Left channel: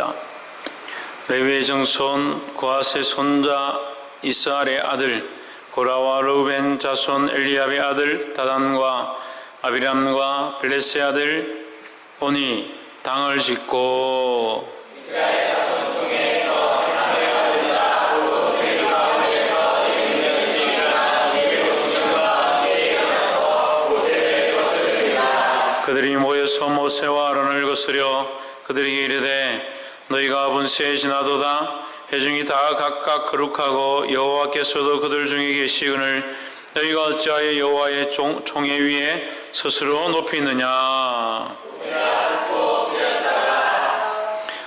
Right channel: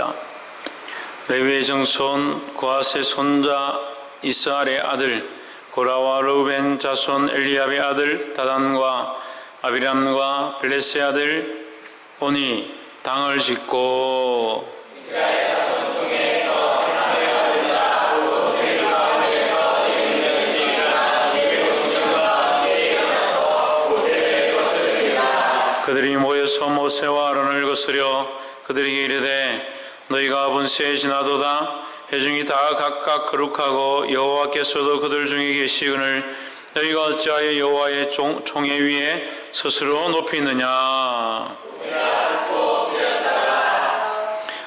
읽겠습니다. 레위의 정손 고핫의 손자 이스할의 아들 고라와 르우벤 자손 엘리압의 아들 다단과 아비람과 벨레스의 아들 온이 당을 짓고 이스라엘 자손 중에서 하나님의 아들이라 곧 그 가운데서 있는 지식이나 예배로 신과 함께 일어나서 모세를 거스르리라. 그들이 모여서 모세와 아론을 거스려 그들에게 이르되 너희가 분수에 지나도다 회중이 다 각각 거룩하고 여호와께서도 그들 중에 계시거늘 너희가 어찌하여 여호와의 총회 위에 스스로 높이느냐.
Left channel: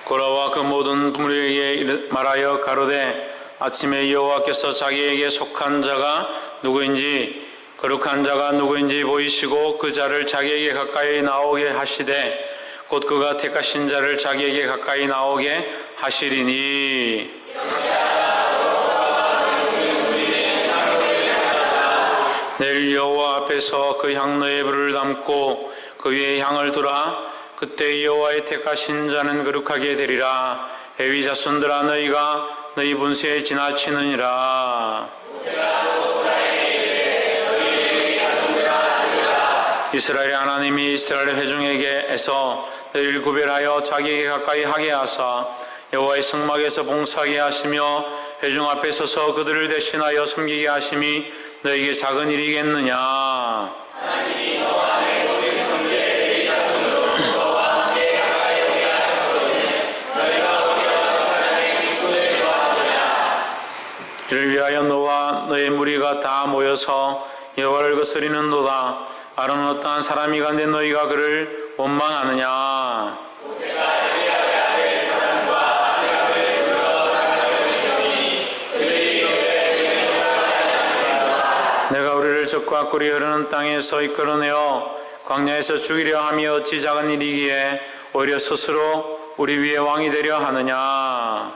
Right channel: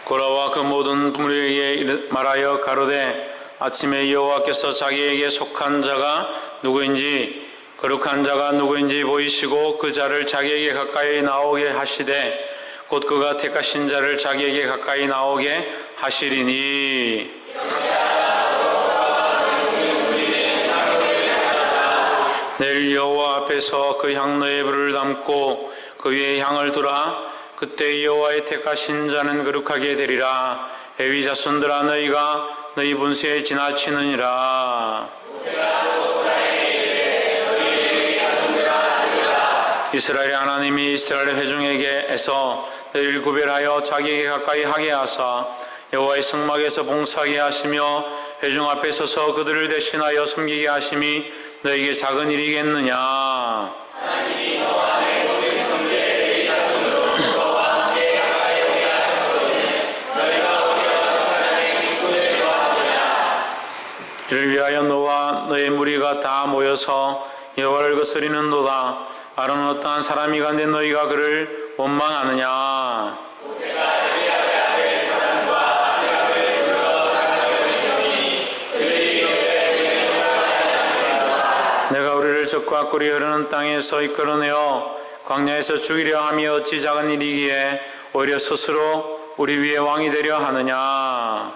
고라와 그 모든 무리에게 말하여 가로되 아침에 여호와께서 자기에게 속한 자가 누구인지 거룩한 자가 누구인지 보이시고 그 자를 자기에게 가까이 나오게 하시되 곧 그가 택하신 자를 자기에게 가까이 나오게 하시리니 내일 여호와 앞에서 그 향로에 불을 담고 그 위에 향을 두라. 그때 여호와의 택하신 자는 거룩하게 되리라. 레위 자손들아 너희가 너희 분수에 지나치느니라. 이스라엘의 하나님이 이스라엘 회중에게서 너희를 구별하여 자기에게 가까이 하게 하사 여호와의 성막에서 봉사하게 하시며 회중 앞에 서서 그들을 대신하여 섬기게 하심이 너희에게 작은 일이겠느냐. 하나님이 너와 내 모든 형제 레위 자손으로 너와 함께 가까이 오게 하셨으니 너희가 오게 와서 사랑의 식구들을 도와주랴. 이를 위하여 너와 너의 무리가 다 모여서 여호와를 거스리는도다. 아론은 어떠한 사람이가 내 너희가 그를 원망하느냐. 내가 우리를 적과 꿀이 흐르는 땅에서 이끌어내어 광야에서 죽이려 함이 어찌 작은 일이기에 오히려 스스로 우리 위에 왕이 되려 하느냐.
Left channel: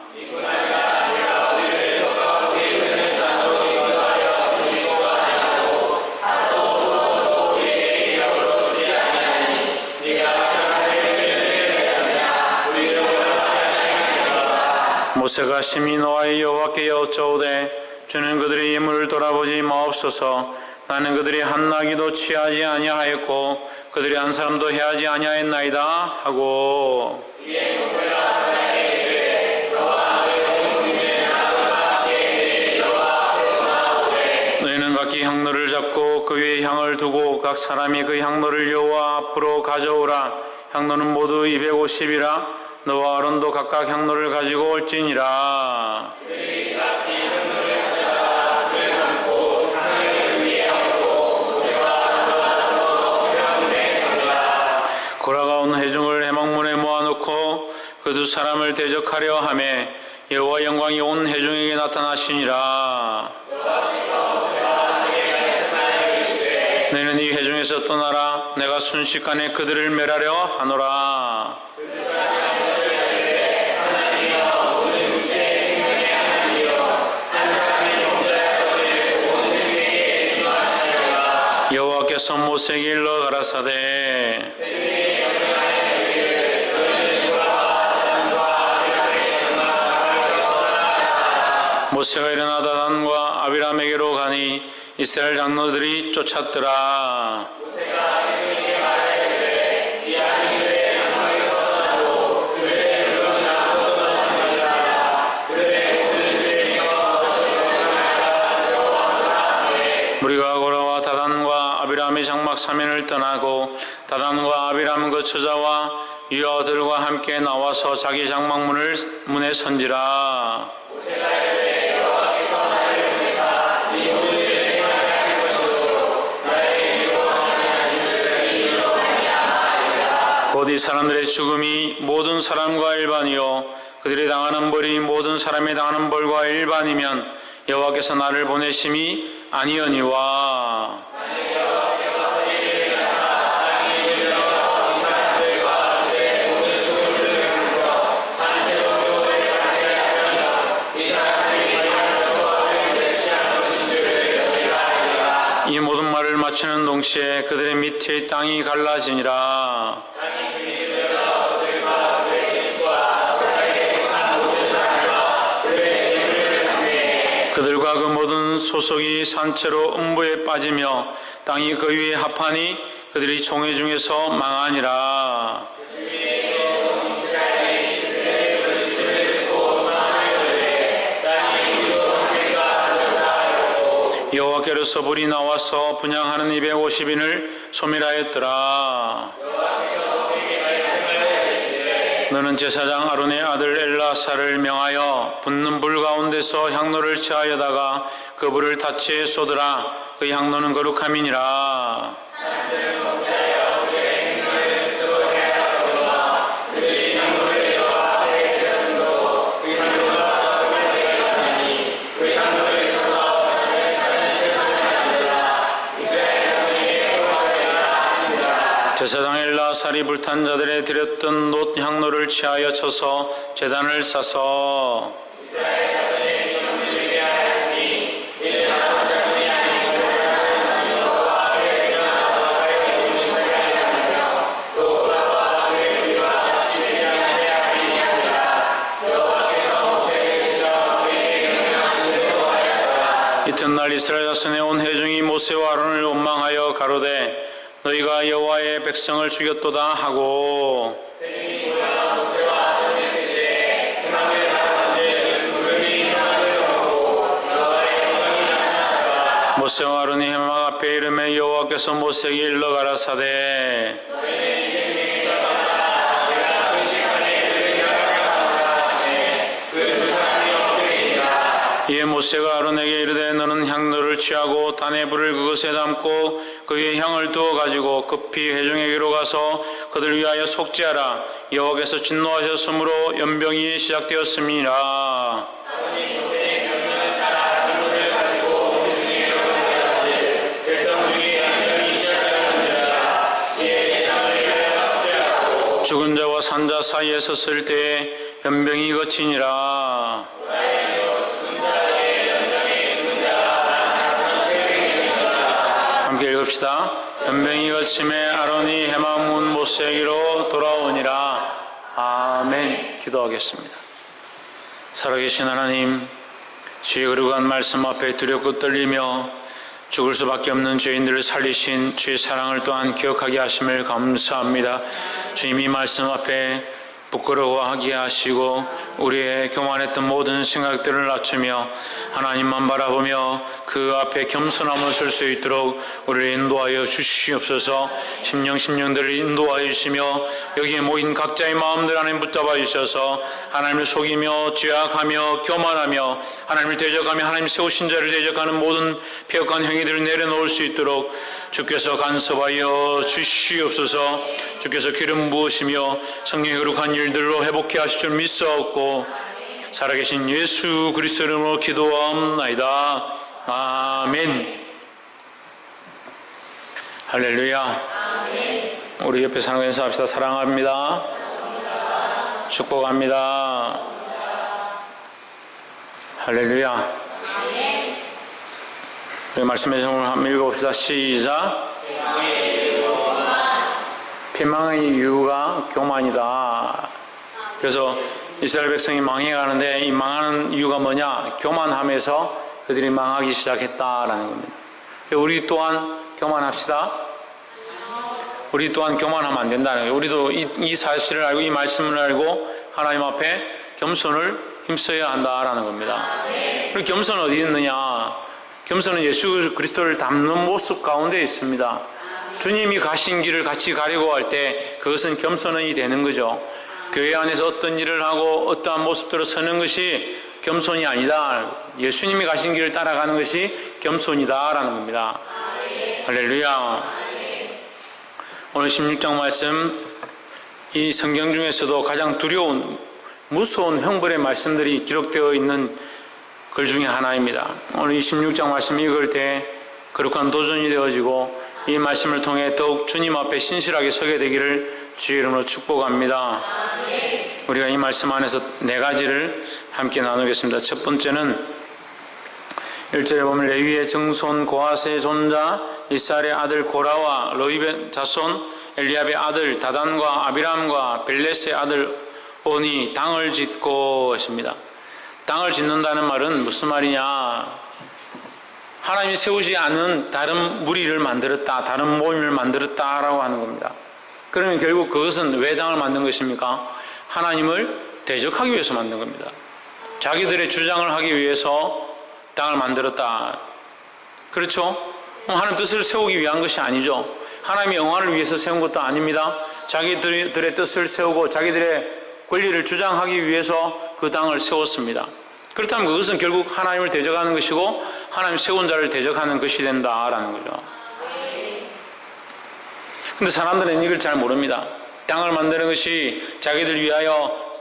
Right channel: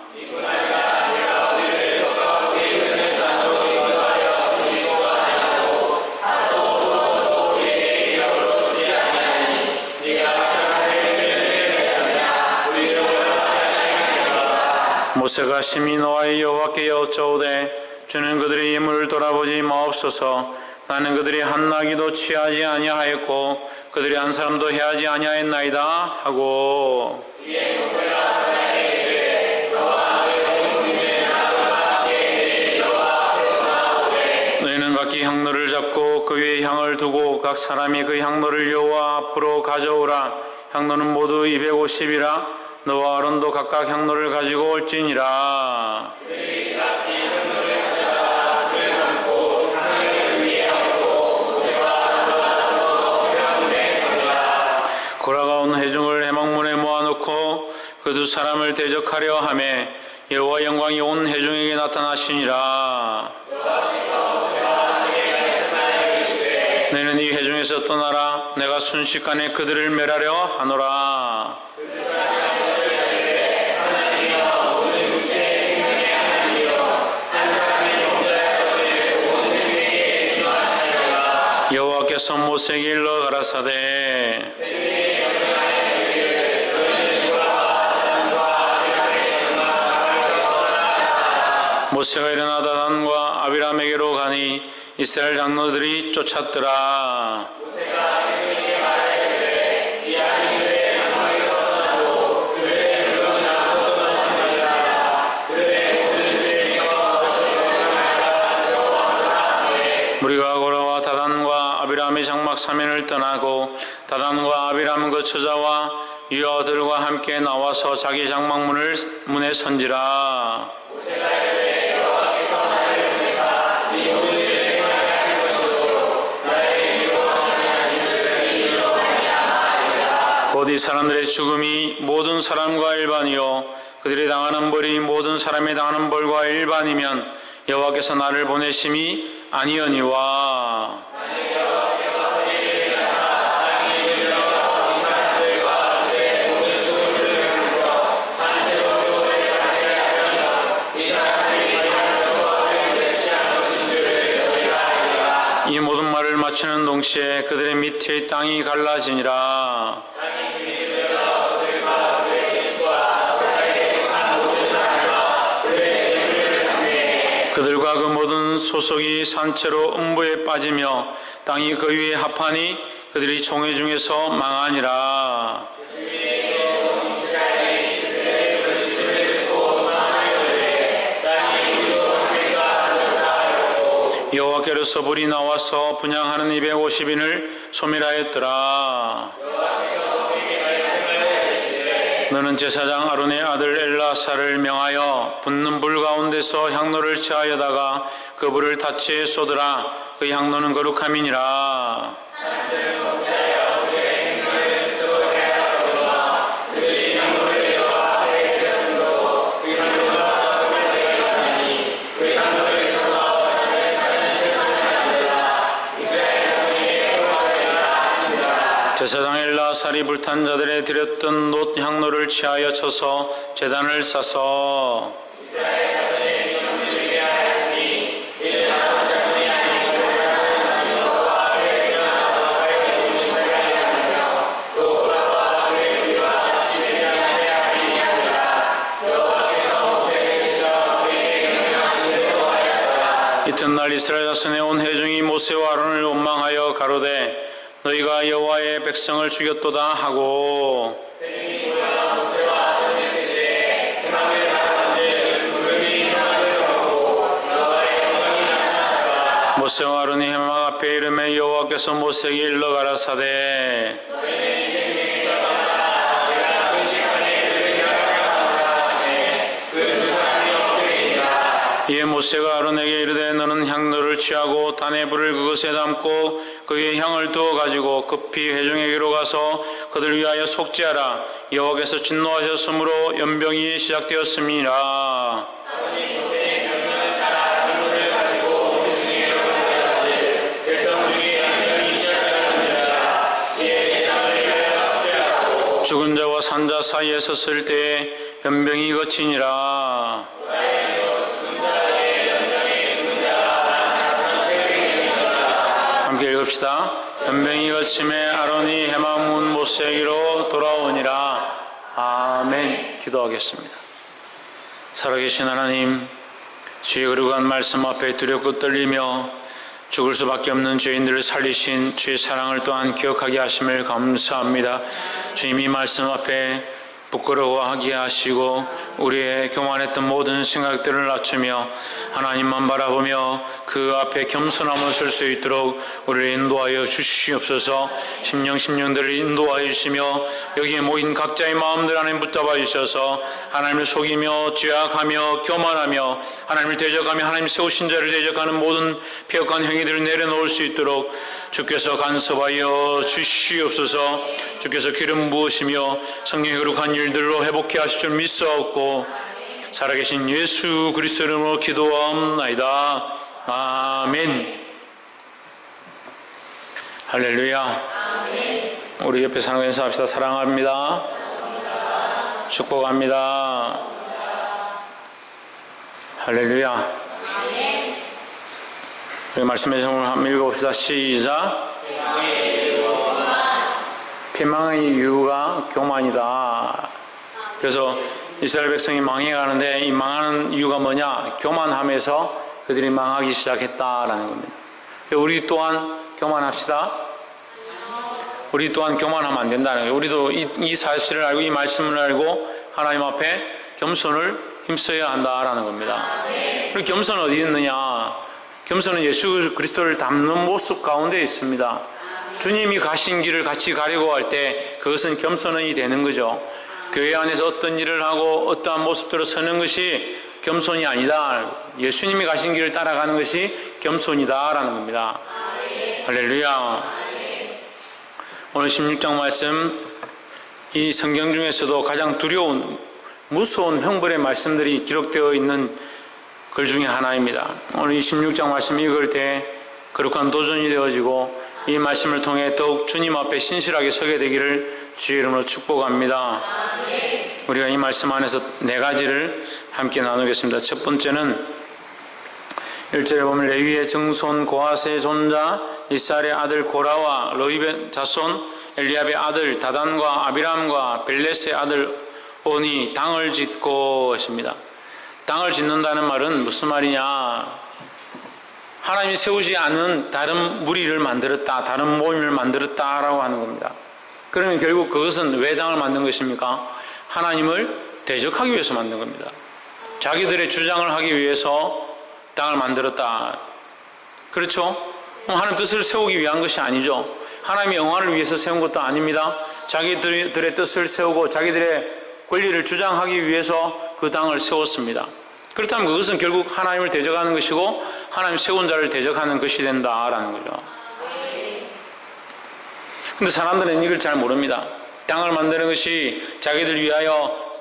모세가 심히 노하여 여호와께 여쭈오되 주는 그들의 예물을 돌아보지 마옵소서. 나는 그들이 한 나귀도 취하지 아니하였고 그들이 한 사람도 해하지 아니하였나이다 하고 너희는 각기 향로를 잡고 그 위에 향을 두고 각 사람이 그 향로를 여호와 앞으로 가져오라. 향로는 모두 250이라. 너와 아론도 각각 향로를 가지고 올지니라. 고라가 온 회중을 회막문에 모아놓고 그 두 사람을 대적하려 하매 여호와 영광이 온 회중에게 나타나시니라. 너희는 이 회중에서 떠나라. 내가 순식간에 그들을 멸하려 하노라. 여호와께서 모세에게 일러 가라사대 모세가 일어나 다단과 아비람에게로 가니 이스라엘 장로들이 쫓았더라. 무리가 고라와 다단과 아비람의 장막 사면을 떠나고 다단과 아비람 그 처자와 유아들과 함께 나와서 자기 장막 문에 선지라. 곧 이 사람들의 죽음이 모든 사람과 일반이요 그들이 당하는 벌이 모든 사람이 당하는 벌과 일반이면 여호와께서 나를 보내심이 아니오니와. 이 모든 말을 마치는 동시에 그들의 밑에 땅이 갈라지니라. 그들과 그 모든 소속이 산채로 음부에 빠지며 땅이 그 위에 합하니 그들이 총회 중에서 망하니라. 여호와께로서 불이 나와서 분향하는 250인을 소멸하였더라. 너는 제사장 아론의 아들 엘라사를 명하여 붙는 불 가운데서 향로를 취하여다가 그 불을 다치에 쏟으라. 그 향로는 거룩함이니라. 제사장 엘라살이 불탄 자들에 드렸던 놋 향로를 취하여 쳐서 제단을 싸서 이튿날 이스라엘 자손의 온 회중이 모세와 아론을 원망하여 가로되 너희가 여호와의 백성을 죽였도다 하고 모세와 아론이 해막 앞에 이르매 여호와께서 모세에게 일러 가라사대 이에 모세가 아론에게 이르되 너는 향로를 취하고 단의 불을 그것에 담고 그 위에 향을 두어 가지고 급히 회중에게로 가서 그들 위하여 속죄하라. 여호와께서 진노하셨으므로 연병이 시작되었음이라. 죽은 자와 산 자 사이에 섰을 때에 연병이 거치니라. 함께 읽읍시다. 연병이 거침에 아론이 해막 문 모세에게로 돌아오니라. 아멘. 기도하겠습니다. 살아계신 하나님, 주의 거룩한 말씀 앞에 두렵고 떨리며 죽을 수밖에 없는 죄인들을 살리신 주의 사랑을 또한 기억하게 하심을 감사합니다. 주님, 이 말씀 앞에 부끄러워하게 하시고 우리의 교만했던 모든 생각들을 낮추며 하나님만 바라보며 그 앞에 겸손함을 설 수 있도록 우리를 인도하여 주시옵소서. 심령들을 인도하여 주시며 여기에 모인 각자의 마음들 안에 붙잡아 주셔서 하나님을 속이며 죄악하며 교만하며 하나님을 대적하며 하나님 세우신 자를 대적하는 모든 폐역한 행위들을 내려놓을 수 있도록 주께서 간섭하여 주시옵소서. 주께서 기름 부으시며 성령의 거룩한 일들로 회복해 하실 줄 믿사옵고 살아계신 예수 그리스도 이름으로 기도하옵나이다. 아멘. 할렐루야. 아멘. 우리 옆에 사는 인사합시다. 사랑합니다. 축복합니다. 할렐루야. 아멘. 우리 말씀의 제목을 한번 읽어봅시다. 시작. 피망의 이유가 교만이다. 그래서 이스라엘 백성이 망해가는데 이 망하는 이유가 뭐냐? 교만함에서 그들이 망하기 시작했다라는 겁니다. 우리 또한 교만합시다. 우리 또한 교만하면 안 된다는 거예요. 우리도 이 사실을 알고 이 말씀을 알고 하나님 앞에 겸손을 힘써야 한다라는 겁니다. 그리고 겸손은 어디 있느냐? 겸손은 예수 그리스도를 닮는 모습 가운데 있습니다. 주님이 가신 길을 같이 가려고 할 때 그것은 겸손이 되는 거죠. 교회 안에서 어떤 일을 하고 어떠한 모습대로 서는 것이 겸손이 아니다. 예수님이 가신 길을 따라가는 것이 겸손이다라는 겁니다. 할렐루야. 오늘 16장 말씀, 이 성경 중에서도 가장 두려운 무서운 형벌의 말씀들이 기록되어 있는 글 중에 하나입니다. 오늘 이 16장 말씀 읽을 때 거룩한 도전이 되어지고 이 말씀을 통해 더욱 주님 앞에 신실하게 서게 되기를 주의 이름으로 축복합니다. 아멘. 우리가 이 말씀 안에서 네 가지를 함께 나누겠습니다. 첫 번째는 1절에 보면 레위의 증손 고핫의 존자 이스라엘의 아들 고라와 로이벤 자손 엘리압의 아들 다단과 아비람과 벨렛의 아들 온이 당을 짓고 했습니다. 땅을 짓는다는 말은 무슨 말이냐? 하나님이 세우지 않은 다른 무리를 만들었다, 다른 모임을 만들었다라고 하는 겁니다. 그러면 결국 그것은 왜 땅을 만든 것입니까? 하나님을 대적하기 위해서 만든 겁니다. 자기들의 주장을 하기 위해서 땅을 만들었다. 그렇죠? 하나님 뜻을 세우기 위한 것이 아니죠. 하나님의 영광을 위해서 세운 것도 아닙니다. 자기들의 뜻을 세우고 자기들의 권리를 주장하기 위해서 그 땅을 세웠습니다. 그렇다면 그것은 결국 하나님을 대적하는 것이고 하나님 세운 자를 대적하는 것이 된다라는 거죠. 근데 사람들은 이걸 잘 모릅니다. 땅을 만드는 것이 자기들 위하여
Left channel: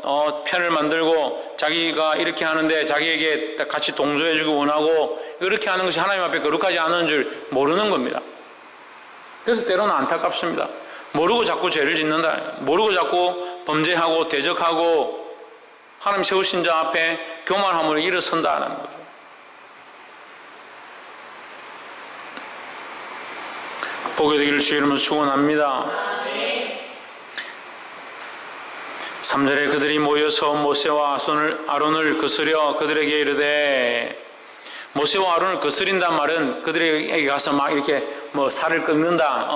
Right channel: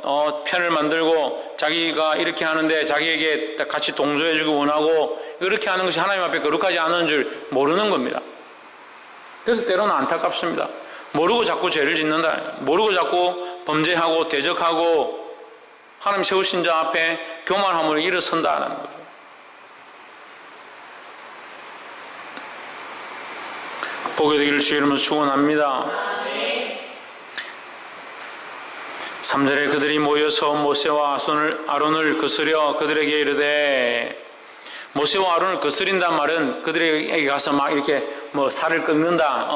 편을 만들고 자기가 이렇게 하는데 자기에게 같이 동조해주고 원하고 이렇게 하는 것이 하나님 앞에 거룩하지 않은 줄 모르는 겁니다. 그래서 때로는 안타깝습니다. 모르고 자꾸 죄를 짓는다. 모르고 자꾸 범죄하고 대적하고 하나님 세우신 자 앞에 교만함으로 일어선다는 거죠. 복이 되기를 주의 이름으로 축원합니다. 3절에 그들이 모여서 모세와 아론을 거스려 그들에게 이르되, 모세와 아론을 거스린단 말은 그들에게 가서 막 이렇게 뭐 살을 꺾는다,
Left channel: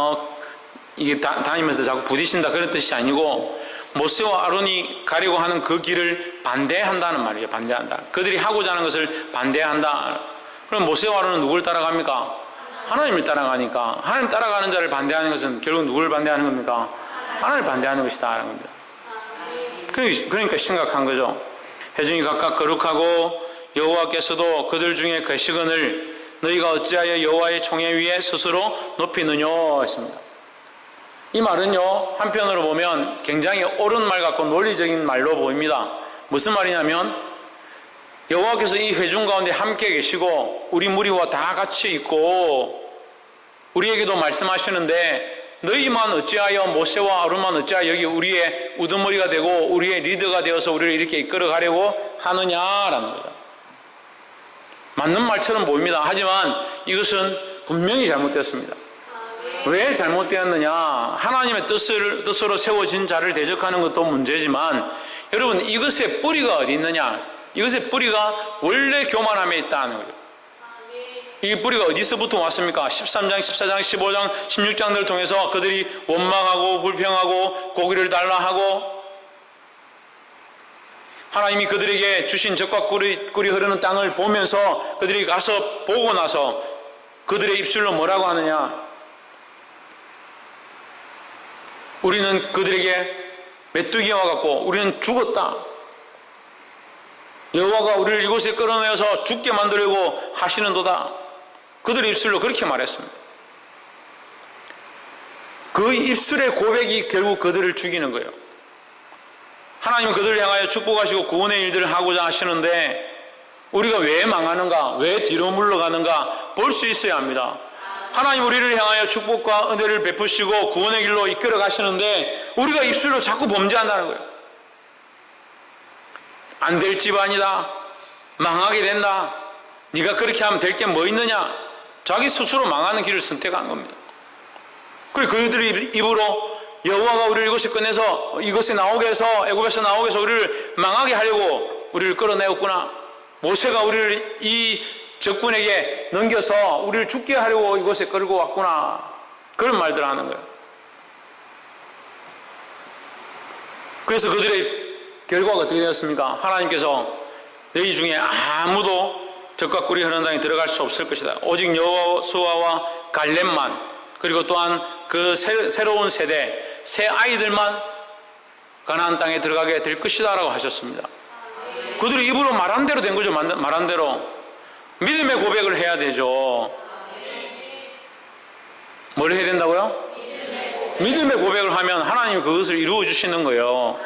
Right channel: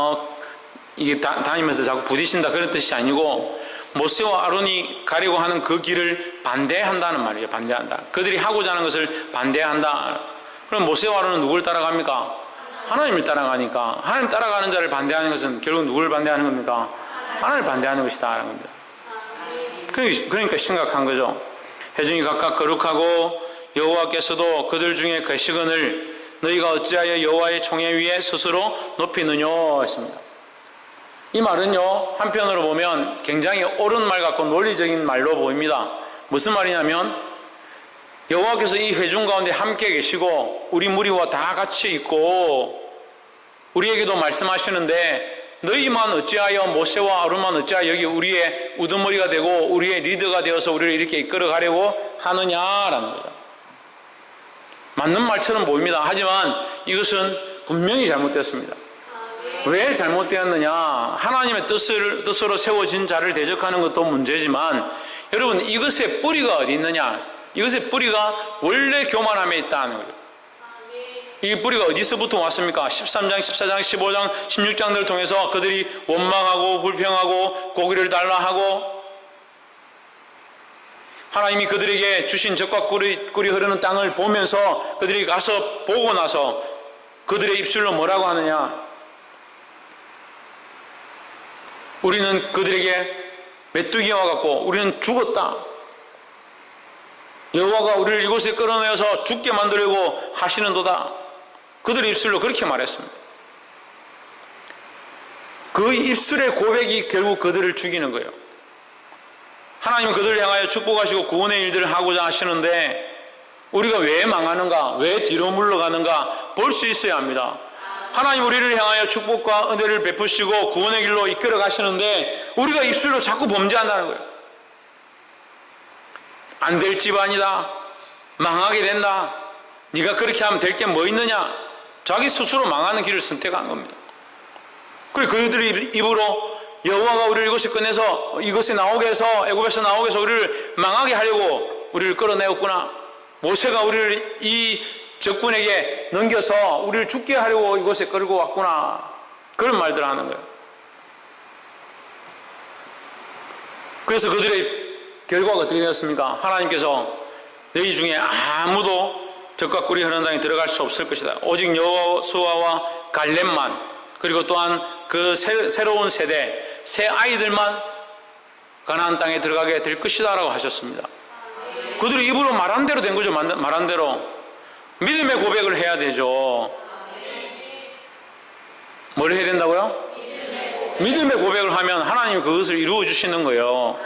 이게 다니면서 자꾸 부딪힌다 그런 뜻이 아니고, 모세와 아론이 가려고 하는 그 길을 반대한다는 말이에요. 반대한다. 그들이 하고자 하는 것을 반대한다. 그럼 모세와 아론은 누굴 따라갑니까? 하나님을 따라가니까. 하나님 따라가는 자를 반대하는 것은 결국 누굴 반대하는 겁니까? 하나님을 반대하는 것이다 라는 겁니다. 그러니까 심각한 거죠. 회중이 각각 거룩하고 여호와께서도 그들 중에 계시거늘 너희가 어찌하여 여호와의 총회 위에 스스로 높이느냐 했습니다. 이 말은요, 한편으로 보면 굉장히 옳은 말 같고 논리적인 말로 보입니다. 무슨 말이냐면 여호와께서 이 회중 가운데 함께 계시고 우리 무리와 다 같이 있고 우리에게도 말씀하시는데, 너희만 어찌하여, 모세와 아론만 어찌하여 여기 우리의 우두머리가 되고 우리의 리더가 되어서 우리를 이렇게 이끌어가려고 하느냐라는 거죠. 맞는 말처럼 보입니다. 하지만 이것은 분명히 잘못됐습니다. 왜 잘못되었느냐? 하나님의 뜻으로 세워진 자를 대적하는 것도 문제지만, 여러분, 이것의 뿌리가 어디 있느냐? 이것의 뿌리가 원래 교만함에 있다는 거죠. 이 뿌리가 어디서부터 왔습니까? 13장, 14장, 15장, 16장들을 통해서 그들이 원망하고 불평하고 고기를 달라 하고, 하나님이 그들에게 주신 젖과 꿀이 흐르는 땅을 보면서 그들이 가서 보고 나서 그들의 입술로 뭐라고 하느냐? 우리는 그들에게 메뚜기와 같고 우리는 죽었다. 여호와가 우리를 이곳에 끌어내어서 죽게 만들려고 하시는도다. 그들의 입술로 그렇게 말했습니다. 그 입술의 고백이 결국 그들을 죽이는 거예요. 하나님은 그들을 향하여 축복하시고 구원의 일들을 하고자 하시는데 우리가 왜 망하는가, 왜 뒤로 물러가는가 볼 수 있어야 합니다. 하나님 우리를 향하여 축복과 은혜를 베푸시고 구원의 길로 이끌어 가시는데 우리가 입술로 자꾸 범죄한다는 거예요. 안 될 집안이다, 망하게 된다, 네가 그렇게 하면 될 게 뭐 있느냐, 자기 스스로 망하는 길을 선택한 겁니다. 그리고 그들의 입으로 여호와가 우리를 이곳에 꺼내서 이곳에 나오게 해서, 애굽에서 나오게 해서 우리를 망하게 하려고 우리를 끌어내었구나, 모세가 우리를 이 적군에게 넘겨서 우리를 죽게 하려고 이곳에 끌고 왔구나, 그런 말들을 하는 거예요. 그래서 그들의 결과가 어떻게 되었습니까? 하나님께서 너희 중에 아무도 젖과 꿀이 흐르는 땅에 들어갈 수 없을 것이다. 오직 여호수아와 갈렙만, 그리고 또한 그 새로운 세대, 새 아이들만 가나안 땅에 들어가게 될 것이다 라고 하셨습니다. 그들이 입으로 말한 대로 된 거죠. 말한 대로 믿음의 고백을 해야 되죠. 뭘 해야 된다고요? 믿음의 고백을 하면 하나님이 그것을 이루어 주시는 거예요.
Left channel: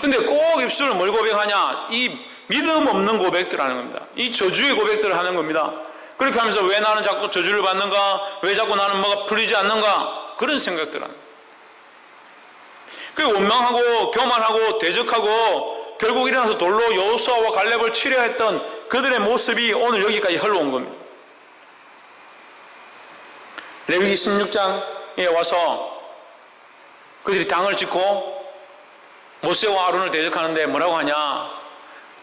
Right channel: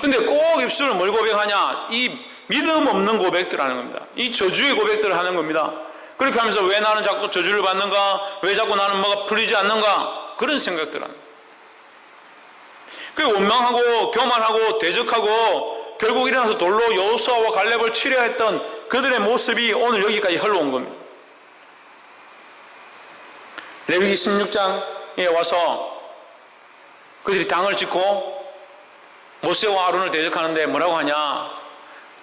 근데 꼭 입술을 뭘 고백하냐? 이 믿음 없는 고백들 하는 겁니다. 이 저주의 고백들을 하는 겁니다. 그렇게 하면서 왜 나는 자꾸 저주를 받는가? 왜 자꾸 나는 뭐가 풀리지 않는가? 그런 생각들 하는 거예요. 그리고 원망하고 교만하고 대적하고 결국 일어나서 돌로 여호수아와 갈렙을 치려 했던 그들의 모습이 오늘 여기까지 흘러온 겁니다. 레위기 16장에 와서 그들이 당을 짓고 모세와 아론을 대적하는데 뭐라고 하냐?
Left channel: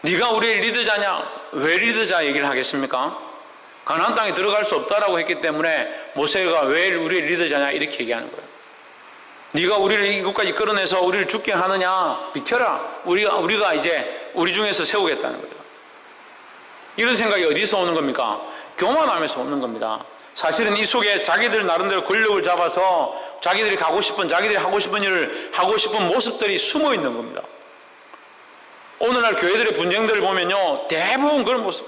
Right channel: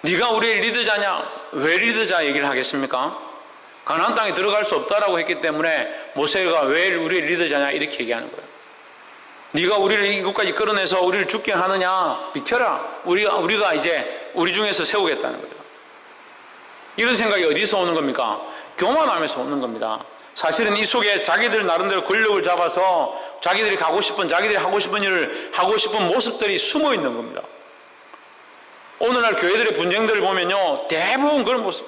네가 우리의 리더자냐? 왜 리더자 얘기를 하겠습니까? 가나안 땅에 들어갈 수 없다라고 했기 때문에 모세가 왜 우리의 리더자냐 이렇게 얘기하는 거예요. 네가 우리를 이곳까지 끌어내서 우리를 죽게 하느냐? 비켜라. 우리가 이제 우리 중에서 세우겠다는 거예요. 이런 생각이 어디서 오는 겁니까? 교만함에서 오는 겁니다. 사실은 이 속에 자기들 나름대로 권력을 잡아서 자기들이 자기들이 하고 싶은 일을 하고 싶은 모습들이 숨어 있는 겁니다. 오늘날 교회들의 분쟁들을 보면요, 대부분 그런 모습.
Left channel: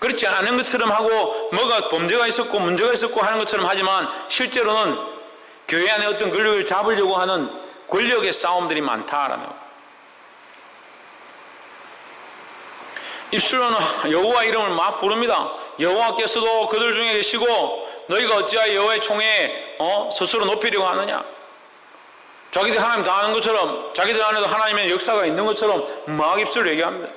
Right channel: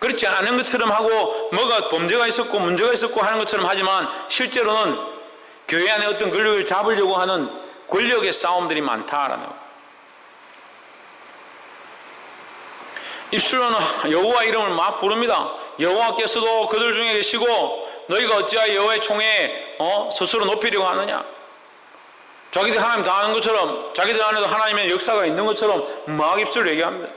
그렇지 않은 것처럼 하고 뭐가 범죄가 있었고 문제가 있었고 하는 것처럼 하지만 실제로는 교회 안에 어떤 권력을 잡으려고 하는 권력의 싸움들이 많다라는 거예요. 입술로는 여호와 이름을 막 부릅니다. 여호와께서도 그들 중에 계시고 너희가 어찌하여 여호와의 총에 스스로 높이려고 하느냐. 자기들 하나님 다 아는 것처럼 자기들 안에도 하나님의 역사가 있는 것처럼 막 입술로 얘기합니다.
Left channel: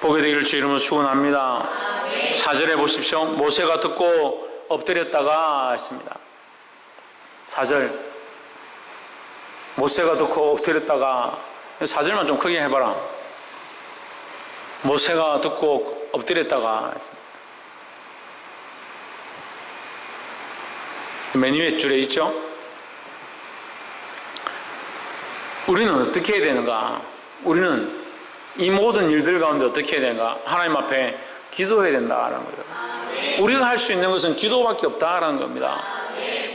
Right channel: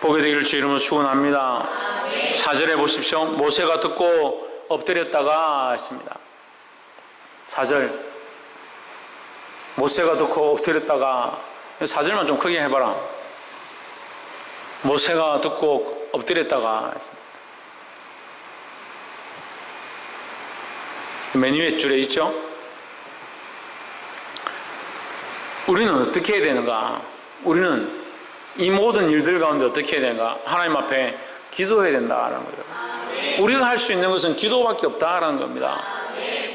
보게 되기를 주 이름으로 축원합니다. 4절에 보십시오. 모세가 듣고 엎드렸다가 했습니다. 4절 모세가 듣고 엎드렸다가 4절만 좀 크게 해봐라. 모세가 듣고 엎드렸다가 맨 위에 줄에 있죠. 우리는 어떻게 해야 되는가? 우리는 이 모든 일들 가운데 어떻게 해야 되는가? 하나님 앞에 기도해야 된다라는 거예요. 우리가 할 수 있는 것은 기도밖에 없다라는 겁니다.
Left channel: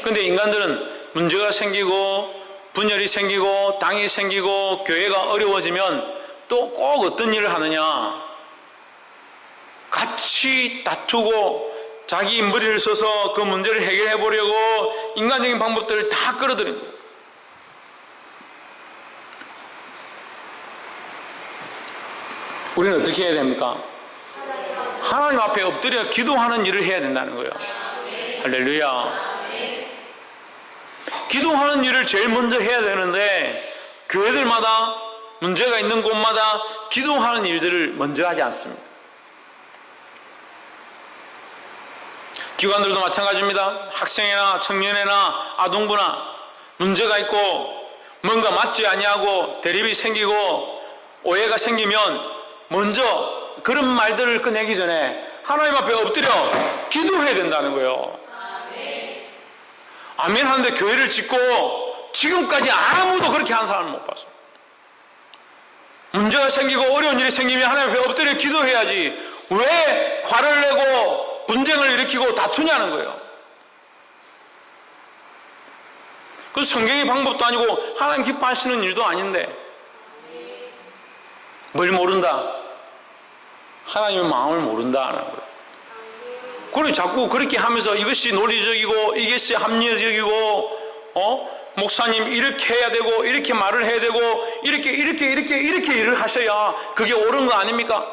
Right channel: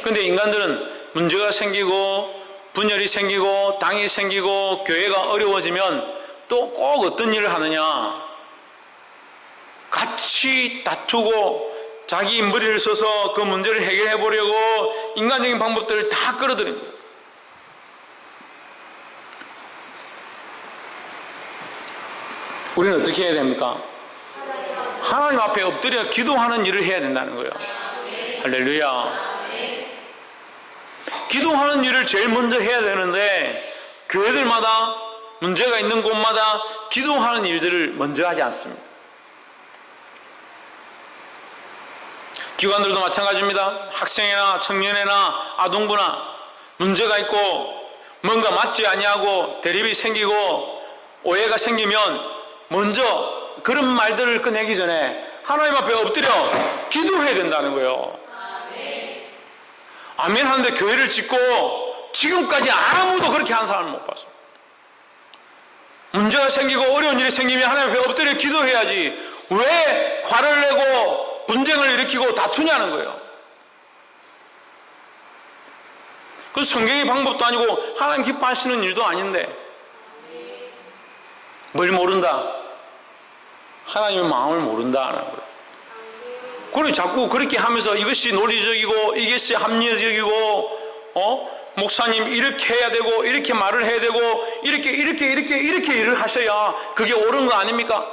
그런데 인간들은 문제가 생기고 분열이 생기고 당이 생기고 교회가 어려워지면 또 꼭 어떤 일을 하느냐? 같이 다투고 자기 머리를 써서 그 문제를 해결해 보려고 인간적인 방법들을 다 끌어들입니다. 우리는 어떻게 해야 됩니까? 하나님 앞에 엎드려 기도하는 일을 해야 된다는 거예요. 할렐루야. 기도하는 일을 제일 먼저 해야 되는데 교회들마다 문제가 있는 곳마다 기도하는 일들을 먼저 하지 않습니다. 기관들도 마찬가지입니다. 학생이나 청년이나 아동부나 문제가 있고 뭔가 맞지 아니하고 대립이 생기고 오해가 생기면 먼저 그런 말들을 꺼내기 전에 하나님 앞에 엎드려 기도해야 된다는 거예요. 아멘 하는데 교회를 짓고 지금까지 아무도 그렇게 한 사람을 못 봤어요. 문제가 생기고 어려운 일이 생기면 하나님 앞에 엎드려 기도해야지 왜 화를 내고 분쟁을 일으키고 다투냐는 거예요. 그 성경의 방법도 아니고 하나님 기뻐하시는 일도 아닌데 뭘 모른다? 하나님의 마음을 모른다는 거예요. 그리고 자꾸 그렇게 하면서 이것이 논리적이고 이것이 합리적이고 목사님 이렇게 해야 되고 이렇게 말을 해야 되고 이렇게 일을 하셔야 그게 옳은 거 아닙니까?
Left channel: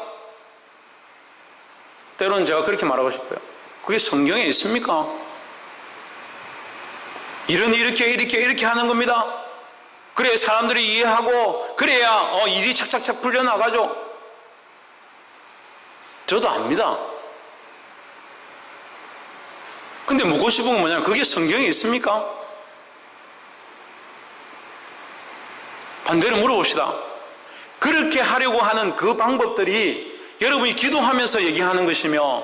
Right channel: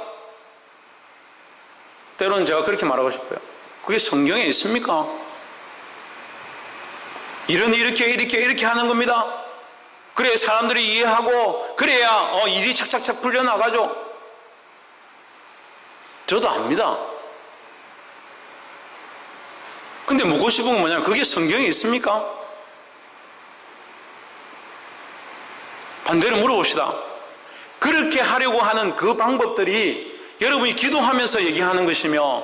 때로는 제가 그렇게 말하고 싶어요. 그게 성경에 있습니까? 이렇게 하는 겁니다. 그래야 사람들이 이해하고 그래야 일이 착착착 풀려나가죠. 저도 압니다. 근데 묻고 싶은 건 뭐냐면 그게 성경에 있습니까? 반대로 물어봅시다. 그렇게 하려고 하는 그 방법들이 여러분이 기도하면서 얘기하는 것이며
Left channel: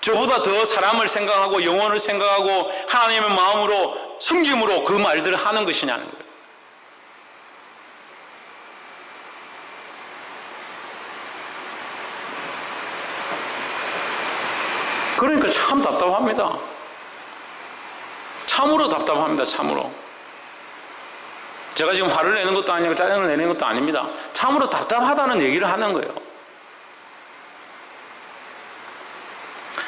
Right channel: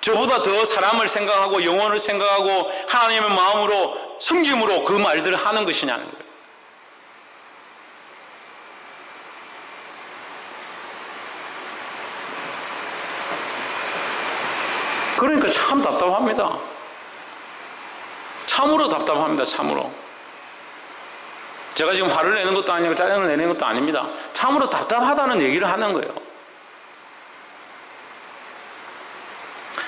저보다 더 사람을 생각하고 영혼을 생각하고 하나님의 마음으로 섬김으로 그 말들을 하는 것이냐는 거예요. 그러니까 참 답답합니다. 참으로 답답합니다. 참으로. 제가 지금 화를 내는 것도 아니고 짜증을 내는 것도 아닙니다. 참으로 답답하다는 얘기를 하는 거예요.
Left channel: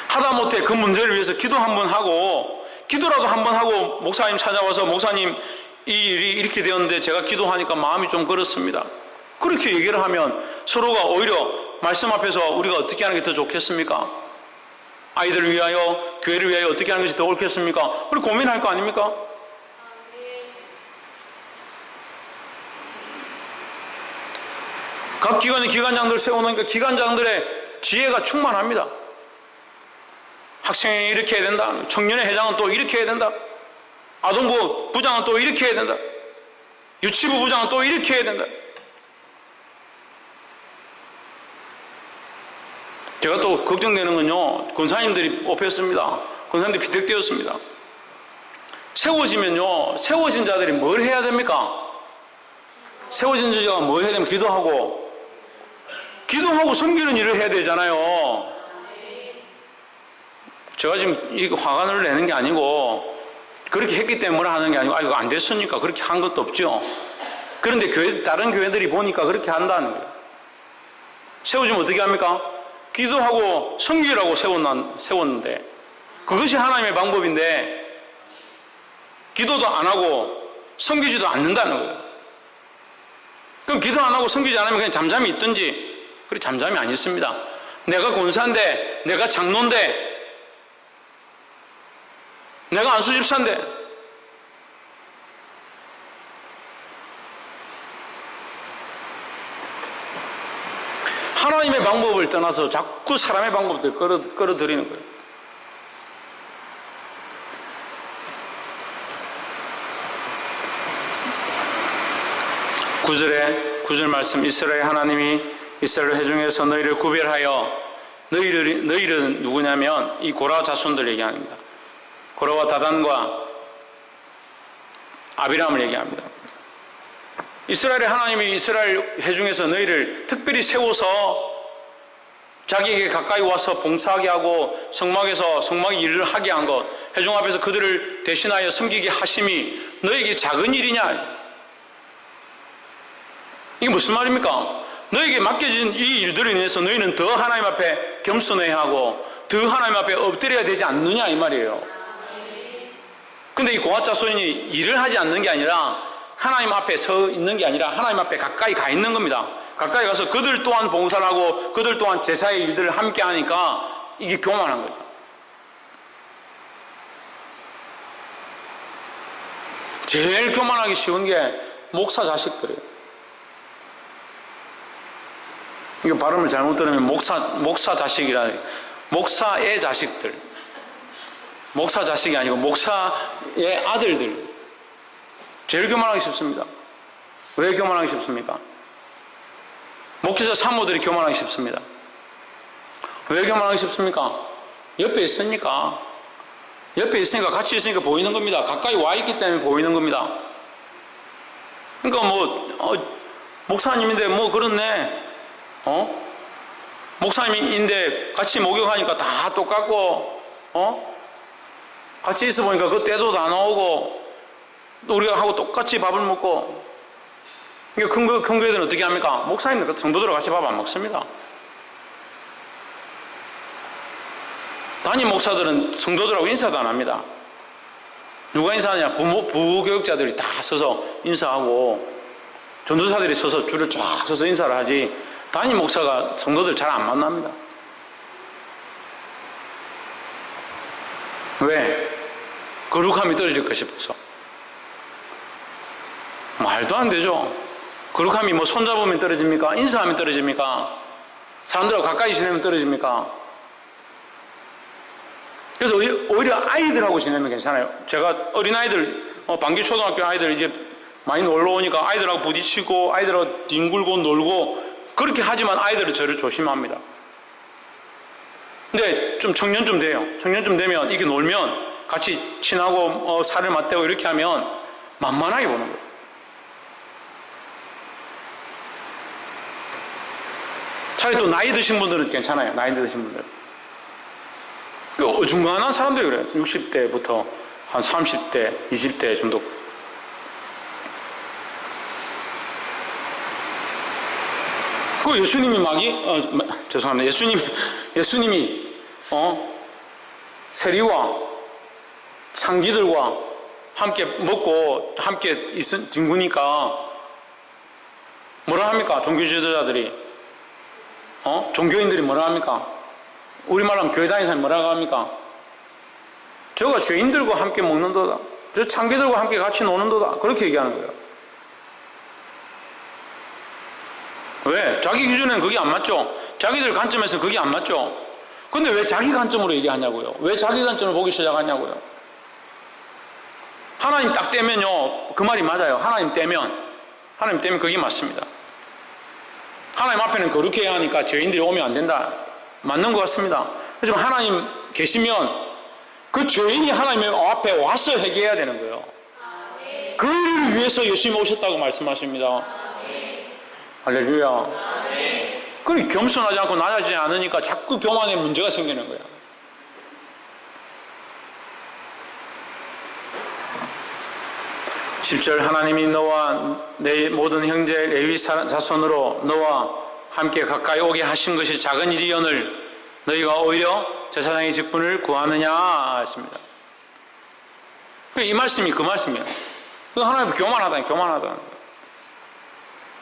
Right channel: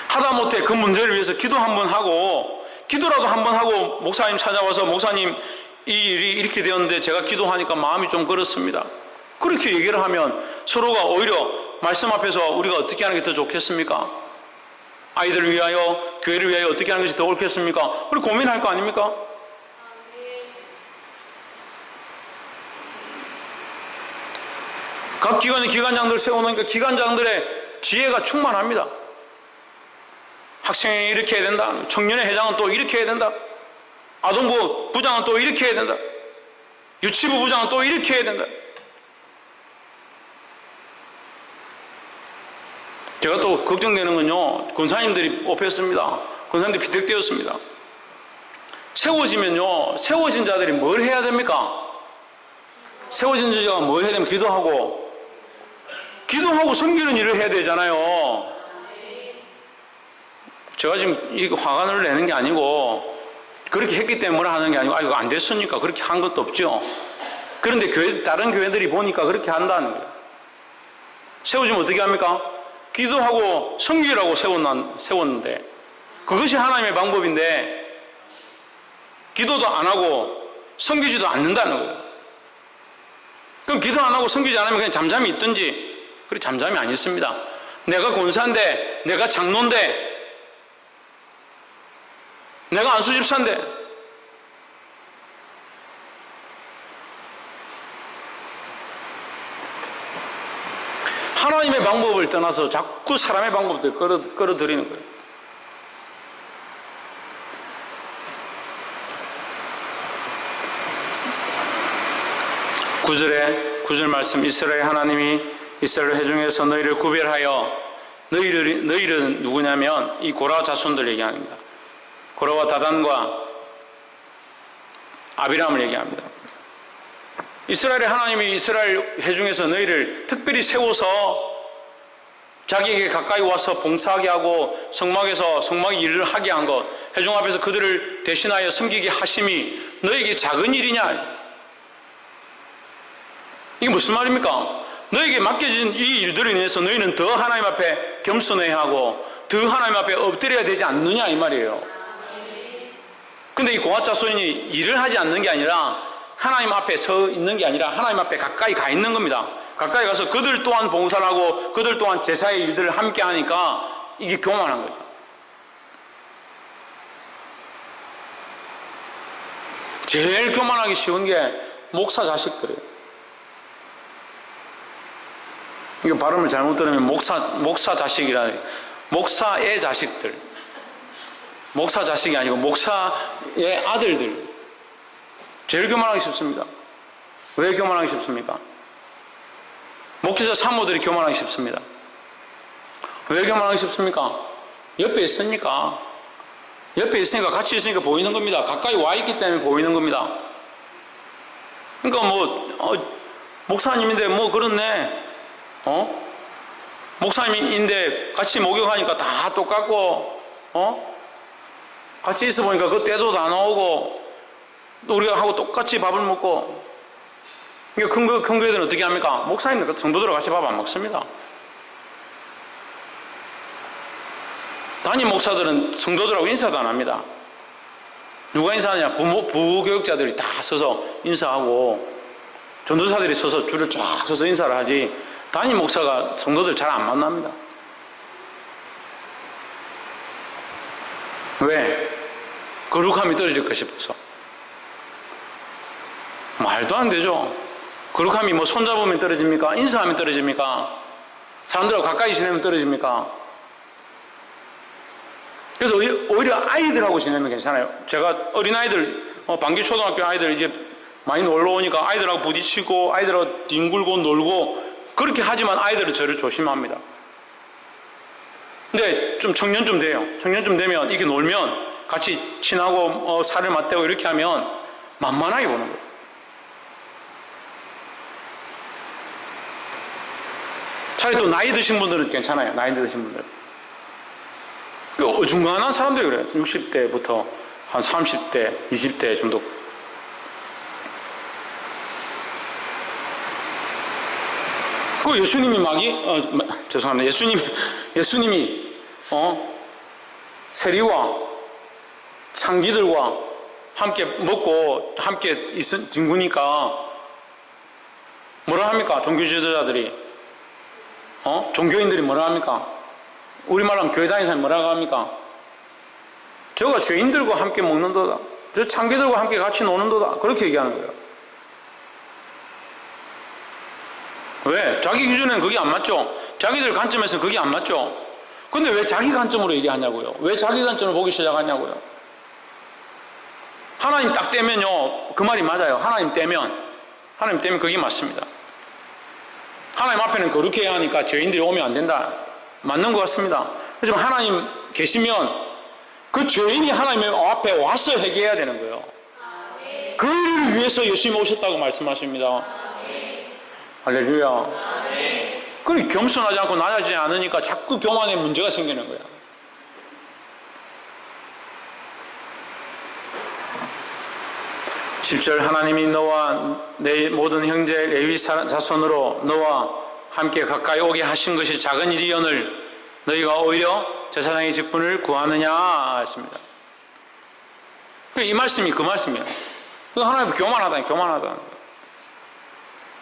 하다못해 그 문제를 위해서 기도 한번 하고 기도라도 한번 하고 목사님 찾아와서 목사님 이 일이 이렇게 되었는데 제가 기도하니까 마음이 좀 그렇습니다. 그렇게 얘기를 하면 서로가 오히려 말씀 앞에서 우리가 어떻게 하는 게 더 좋겠습니까? 아이들을 위하여 교회를 위하여 어떻게 하는 것이 더 옳겠습니까? 우리 고민할 거 아닙니까? 각 기관의 기관장들 세워놓으니까 기관장들의 지혜가 충만합니다. 학생이 이렇게 해야 된다. 청년의 회장은 또 이렇게 해야 된다. 아동부 부장은 또 이렇게 해야 된다. 유치부 부장은 또 이렇게 해야 된다. 제가 또 걱정되는 건요, 권사님들이 뽑혔습니다. 권사님들이 피택되었습니다. 세워지면요, 세워진 자들이 뭘 해야 됩니까? 세워진 자가 뭘 해야 되면 기도하고 섬기는 일을 해야 되잖아요. 제가 지금 이 화관을 내는 게 아니고 그렇게 했기 때문에 하는 게 아니고 이거 안 됐으니까 그렇게 한 것도 없죠. 그런데 다른 교회들이 보니까 그렇게 한다는 거예요. 세워지면 어떻게 합니까? 기도하고 섬기라고 세웠는데 그것이 하나님의 방법인데 기도도 안 하고 섬기지도 않는다는 거예요. 그럼 기도 안 하고 섬기지 않으면 그냥 잠잠히 있든지, 그렇게 잠잠히 안 있습니다. 내가 권사인데, 내가 장로인데, 내가 안수집사인데, 하나님의 방법을 떠나서 자꾸 사람의 방법들 끌어들이는 거예요. 구절 말씀, 이스라엘 하나님이 이스라엘 회중에서 너희를 구별하여, 너희는 누구냐면 이 고라 자손들 얘기합니다. 고라와 다단과 아비람을 얘기합니다. 이스라엘의 하나님이 이스라엘 회중에서 너희를 특별히 세워서 자기에게 가까이 와서 봉사하게 하고 성막의 일을 하게 한 것, 회중 앞에서 그들을 대신하여 섬기게 하심이 너에게 작은 일이냐? 이게 무슨 말입니까? 너에게 맡겨진 이 일들로 인해서 너희는 더 하나님 앞에 겸손해야 하고 더 하나님 앞에 엎드려야 되지 않느냐 이 말이에요. 근데 이 고아 자손이 일을 하지 않는 게 아니라 하나님 앞에 서 있는 게 아니라 하나님 앞에 가까이 가 있는 겁니다. 가까이 가서 그들 또한 봉사를 하고 그들 또한 제사의 일들을 함께 하니까 이게 교만한 거죠. 제일 교만하기 쉬운 게 목사 자식들이에요. 이거 발음을 잘못 들으면 목사 자식이라, 목사의 자식들. 목사 자식이 아니고 목사의 아들들. 제일 교만하기 쉽습니다. 왜 교만하기 쉽습니까? 목회자 사모들이 교만하기 쉽습니다. 왜 교만하기 쉽습니까? 옆에 있으니까. 옆에 있으니까, 같이 있으니까 보이는 겁니다. 가까이 와 있기 때문에 보이는 겁니다. 그러니까 목사님인데 그렇네. 목사님인데 같이 목욕하니까 다 똑같고, 같이 있어 보니까 그 때도 다 나오고, 우리가 하고 똑같이 밥을 먹고. 그러니까 큰 교회들은 어떻게 합니까? 목사님들, 성도들과 같이 밥 안 먹습니다. 담임 목사들은 성도들하고 인사도 안 합니다. 누가 인사하냐? 부교육자들이 다 서서 인사하고, 전도사들이 서서 줄을 쫙 서서 인사를 하지, 담임 목사가 성도들 잘 안 만납니다. 왜? 거룩함이 떨어질까 싶어서. 말도 안 되죠. 거룩함이 손잡으면 떨어집니까? 인사하면 떨어집니까? 사람들하고 가까이 지내면 떨어집니까? 그래서 오히려 아이들하고 지내면 괜찮아요. 제가 어린아이들, 방기초등학교 아이들 이제 많이 놀러 오니까 아이들하고 부딪히고 아이들하고 뒹굴고 놀고 그렇게 하지만 아이들은 저를 조심합니다. 근데 좀 청년쯤 돼요. 청년쯤 되면 이렇게 놀면 같이 친하고 살을 맞대고 이렇게 하면 만만하게 보는 거예요. 차라리 또 나이 드신 분들은 괜찮아요. 나이 드신 분들은. 어중간한 사람들이 그래요. 60대부터 한 30대, 20대 정도. 그 예수님이 죄송합니다. 예수님이 세리와 창기들과 함께 먹고 함께 뒹구니까 뭐라 합니까? 종교 지도자들이, 종교인들이 뭐라 합니까? 우리말로 하면 교회 다니는 사람이 뭐라고 합니까? 저가 죄인들과 함께 먹는도다. 저 창기들과 함께 같이 노는도다. 그렇게 얘기하는 거예요. 왜? 자기 기준에는 그게 안 맞죠? 자기들 관점에서 그게 안 맞죠? 근데 왜 자기 관점으로 얘기하냐고요? 왜 자기 관점을 보기 시작하냐고요? 하나님 딱 떼면요, 그 말이 맞아요. 하나님 떼면 하나님 때문에 그게 맞습니다. 하나님 앞에는 거룩해야 하니까 죄인들이 오면 안 된다. 맞는 것 같습니다. 하지만 하나님 계시면 그 죄인이 하나님 앞에 와서 회개해야 되는 거예요. 그 일을 위해서 예수님이 오셨다고 말씀하십니다. 할렐루야. 그리 겸손하지 않고 낮아지지 않으니까 자꾸 교만에 문제가 생기는 거야. 10절 하나님이 너와 내 모든 형제 레위 자손으로 너와 함께 가까이 오게 하신 것이 작은 일이오늘 너희가 오히려 제사장의 직분을 구하느냐 했습니다. 이 말씀이 그 말씀이에요. 하나님 교만하다, 교만하다.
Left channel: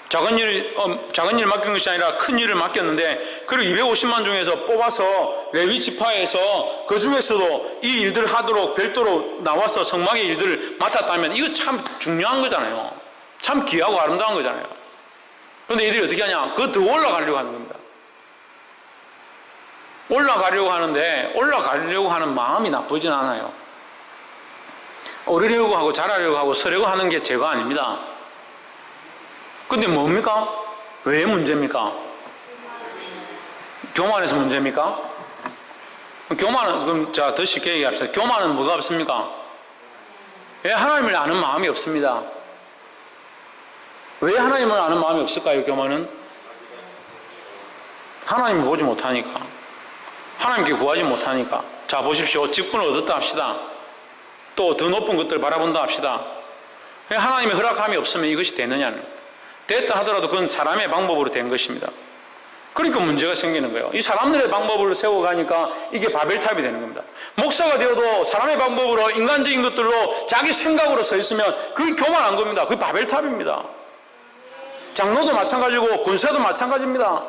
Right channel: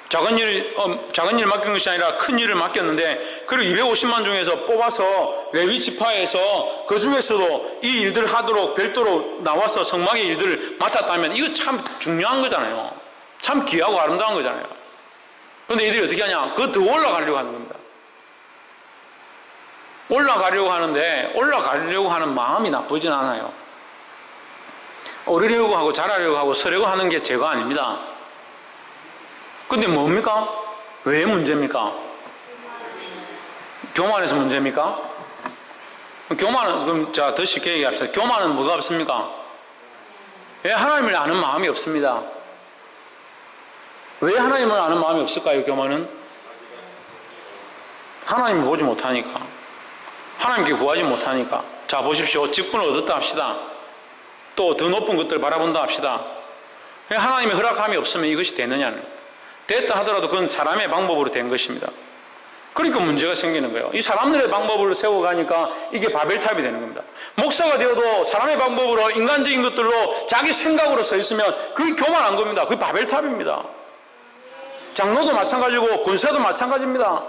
작은 일 맡긴 것이 아니라 큰 일을 맡겼는데, 그리고 250만 중에서 뽑아서 레위 지파에서 그 중에서도 이 일들을 하도록 별도로 나와서 성막의 일들을 맡았다면 이거 참 중요한 거잖아요. 참 귀하고 아름다운 거잖아요. 그런데 이들이 어떻게 하냐? 그거 더 올라가려고 하는 겁니다. 올라가려고 하는데 올라가려고 하는 마음이 나쁘진 않아요. 오르려고 하고 잘하려고 하고 서려고 하는 게 죄가 아닙니다. 근데 뭡니까? 왜 문제입니까? 교만해서 문제입니까? 교만은, 그럼 자, 더 쉽게 얘기합시다. 교만은 뭐가 없습니까? 왜 하나님을 아는 마음이 없습니다. 왜 하나님을 아는 마음이 없을까요, 교만은? 하나님을 보지 못하니까. 하나님께 구하지 못하니까. 자, 보십시오. 직분을 얻었다 합시다. 또 더 높은 것들을 바라본다 합시다. 왜 하나님의 허락함이 없으면 이것이 되느냐는. 됐다 하더라도 그건 사람의 방법으로 된 것입니다. 그러니까 문제가 생기는 거예요. 이 사람들의 방법으로 세워가니까 이게 바벨탑이 되는 겁니다. 목사가 되어도 사람의 방법으로 인간적인 것들로 자기 생각으로 서 있으면 그게 교만한 겁니다. 그게 바벨탑입니다. 장로도 마찬가지고 권사도 마찬가지입니다.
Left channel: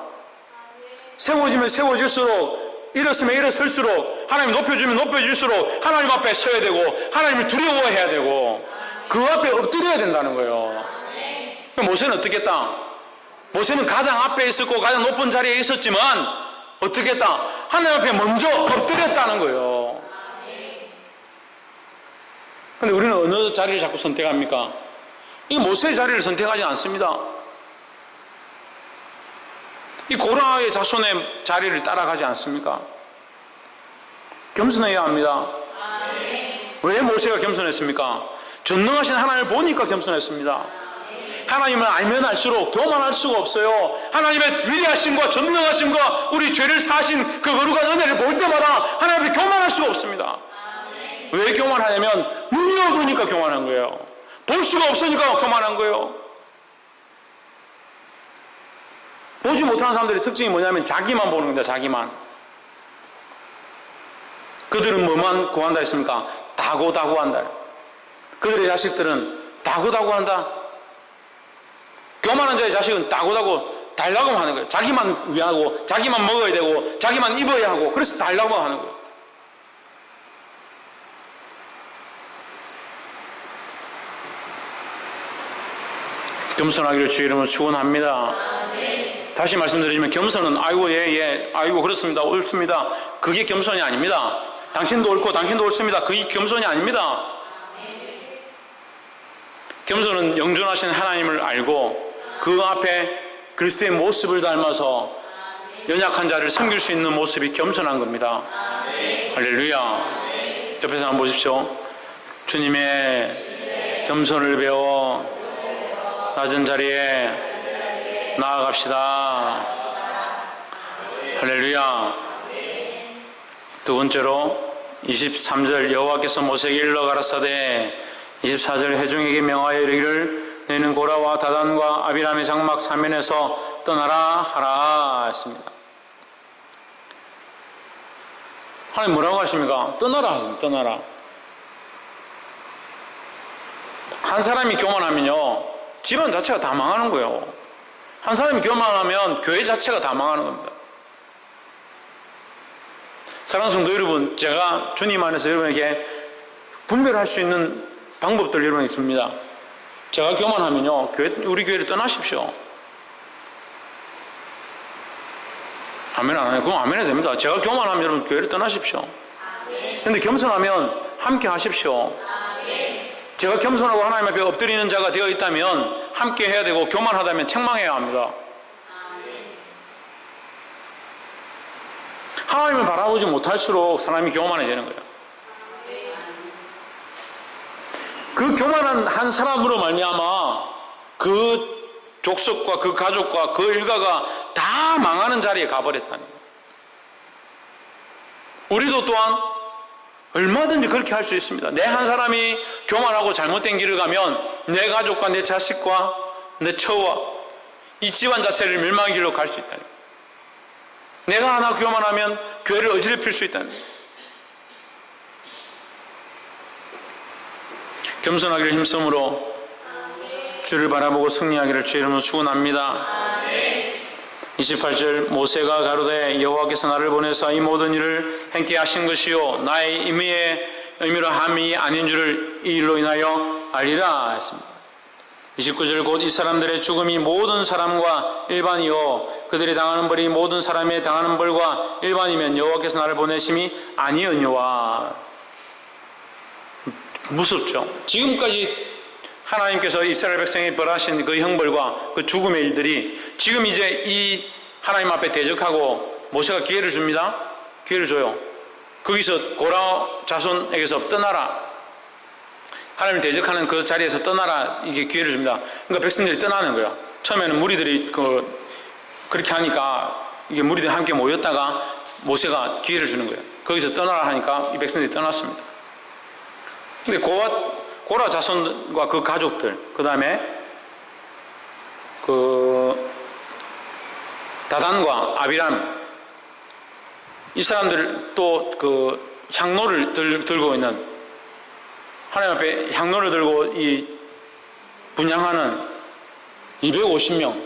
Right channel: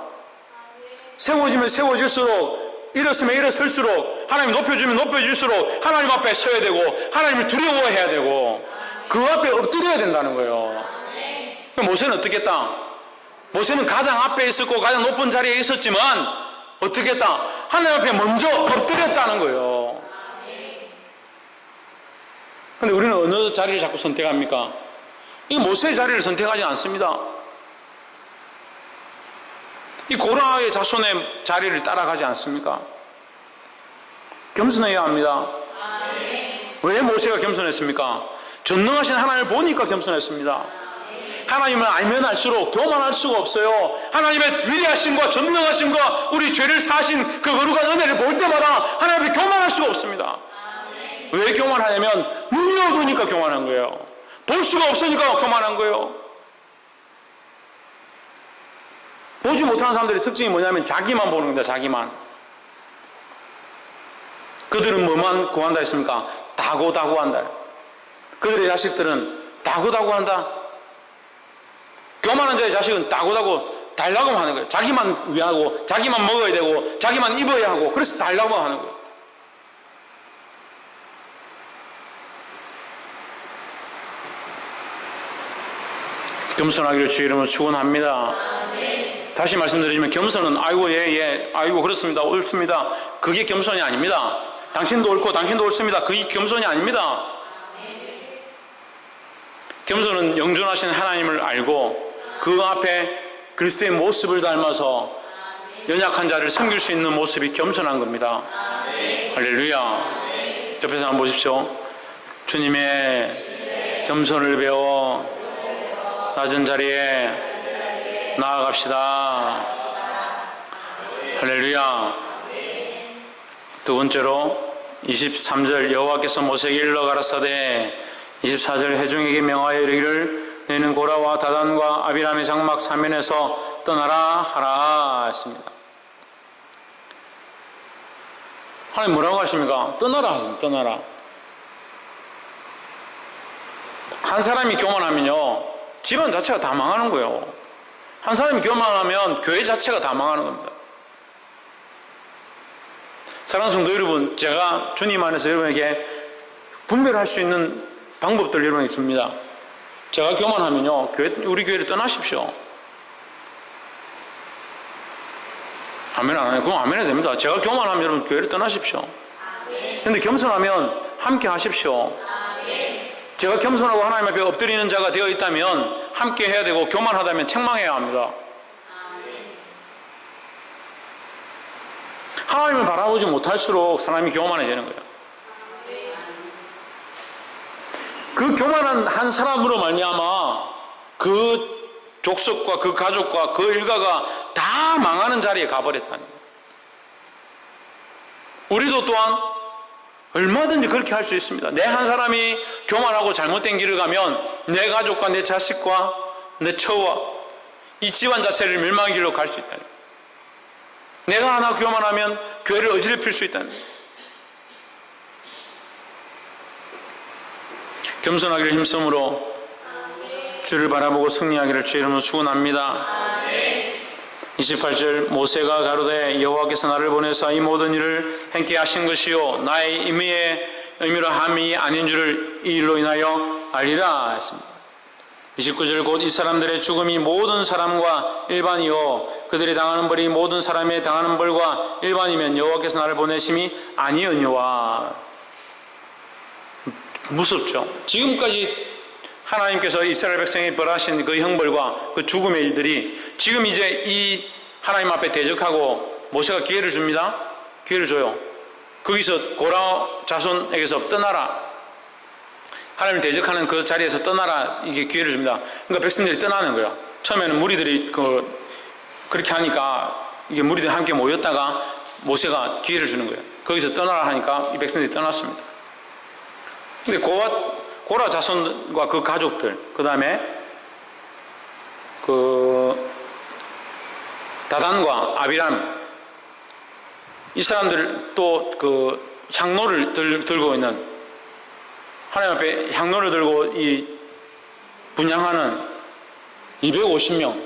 세워지면 세워질수록, 일었으면 일어설수록, 하나님 높여주면 높여질수록 하나님 앞에 서야 되고 하나님을 두려워해야 되고 그 앞에 엎드려야 된다는 거예요. 모세는 어떻게 했다? 모세는 가장 앞에 있었고 가장 높은 자리에 있었지만 어떻게 했다? 하나님 앞에 먼저 엎드렸다는 거예요. 그런데 우리는 어느 자리를 자꾸 선택합니까? 이 모세의 자리를 선택하지 않습니다. 이 고라의 자손의 자리를 따라가지 않습니까? 겸손해야 합니다. 왜 모세가 겸손했습니까? 전능하신 하나님을 보니까 겸손했습니다. 하나님을 알면 알수록 교만할 수가 없어요. 하나님의 위대하심과 전능하심과 우리 죄를 사신 그 거룩한 은혜를 볼 때마다 하나님 앞에 교만할 수가 없습니다. 왜 교만하냐면 눈이 어두우니까 교만한 거예요. 볼 수가 없으니까 교만한 거예요. 보지 못하는 사람들의 특징이 뭐냐면 자기만 보는 겁니다. 자기만. 그들은 뭐만 구한다 했습니까? 다고다고한다. 그들의 자식들은 다고다고한다. 교만한 자의 자식은 다고다고 달라고 하는 거예요. 자기만 위하고 자기만 먹어야 되고 자기만 입어야 하고 그래서 달라고 하는 거예요. 겸손하기를 주의 이름으로 축원합니다. 다시 말씀드리지만 겸손은 아이고 예 아이고 그렇습니다 옳습니다 그게 겸손이 아닙니다. 당신도 옳고 당신도 옳습니다 그게 겸손이 아닙니다. 겸손은 영존하신 하나님을 알고 그 앞에 그리스도의 모습을 닮아서 연약한 자를 섬길 수 있는 모습이 겸손한 겁니다. 할렐루야. 옆에서 한번 보십시오. 주님의 겸손을 배워 낮은 자리에 나아갑시다. 할렐루야. 두 번째로 23절 여호와께서 모세에게 일러 가라사대 24절 회중에게 명하여 이르기를 너희는 고라와 다단과 아비람의 장막 사면에서 떠나라 하라 했습니다. 하나님 뭐라고 하십니까? 떠나라 하십니다. 떠나라. 한 사람이 교만하면요 집안 자체가 다 망하는 거예요. 한 사람이 교만하면 교회 자체가 다 망하는 겁니다. 사랑하는 성도 여러분, 제가 주님 안에서 여러분에게 분별할 수 있는 방법들을 여러분에게 줍니다. 제가 교만하면요 우리 교회를 떠나십시오. 아멘 안 해요? 그럼 아멘 해도 됩니다. 제가 교만하면 여러분 교회를 떠나십시오. 그런데 겸손하면 함께 하십시오. 제가 겸손하고 하나님 앞에 엎드리는 자가 되어 있다면 함께 해야 되고, 교만하다면 책망해야 합니다. 하나님을 바라보지 못할수록 사람이 교만해지는 거예요. 그 교만한 한 사람으로 말미암아 그 족속과 그 가족과 그 일가가 다 망하는 자리에 가버렸다는 거예요. 우리도 또한 얼마든지 그렇게 할 수 있습니다. 내 한 사람이 교만하고 잘못된 길을 가면 내 가족과 내 자식과 내 처와 이 집안 자체를 멸망의 길로 갈 수 있다는 거예요. 내가 하나 교만하면 교회를 어지럽힐 수 있다는 거예요. 겸손하기를 힘쓰므로 주를 바라보고 승리하기를 주의 이름으로 축원합니다. 28절 모세가 가로되 여호와께서 나를 보내사 이 모든 일을 행케 하신 것이요 나의 의미로 함이 아닌 줄을 이 일로 인하여 알리라 했습니다. 29절 곧 이 사람들의 죽음이 모든 사람과 일반이요 그들이 당하는 벌이 모든 사람의 당하는 벌과 일반이면 여호와께서 나를 보내심이 아니었니와. 무섭죠. 지금까지 하나님께서 이스라엘 백성이 벌하신 그 형벌과 그 죽음의 일들이 지금 이제 이 하나님 앞에 대적하고 모세가 기회를 줍니다. 기회를 줘요. 거기서 고라 자손에게서 떠나라. 하나님을 대적하는 그 자리에서 떠나라. 이게 기회를 줍니다. 그러니까 백성들이 떠나는 거예요. 처음에는 무리들이 그렇게 하니까 이게 무리들이 함께 모였다가 모세가 기회를 주는 거예요. 거기서 떠나라 하니까 이 백성들이 떠났습니다. 근데 고라 자손과 그 가족들, 그 다음에 다단과 아비람, 이 사람들 또 그 향로를 들고 있는, 하나님 앞에 향로를 들고 이 분향하는 250명,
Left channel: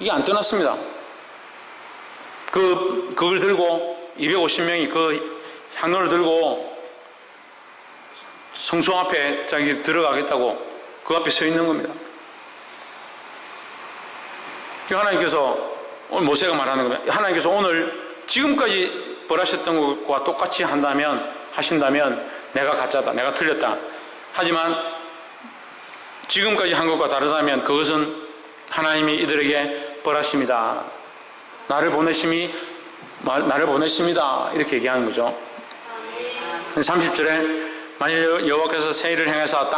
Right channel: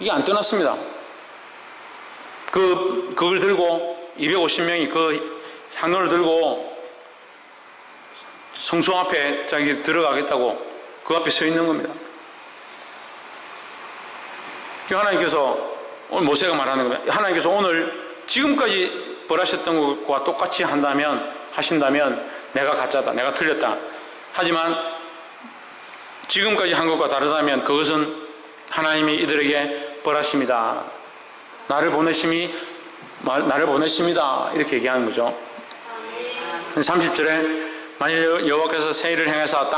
이게 안 떠났습니다. 그걸 들고 250명이 그 향로를 들고 성소 앞에 자기 들어가겠다고 그 앞에 서 있는 겁니다. 하나님께서 오늘 모세가 말하는 겁니다. 하나님께서 오늘 지금까지 벌하셨던 것과 똑같이 하신다면 내가 가짜다, 내가 틀렸다. 하지만 지금까지 한 것과 다르다면 그것은 하나님이 이들에게 벌하심이다. 나를 보내심이다. 이렇게 얘기하는 거죠. 30절에 만일 여호와께서 새일을 행하사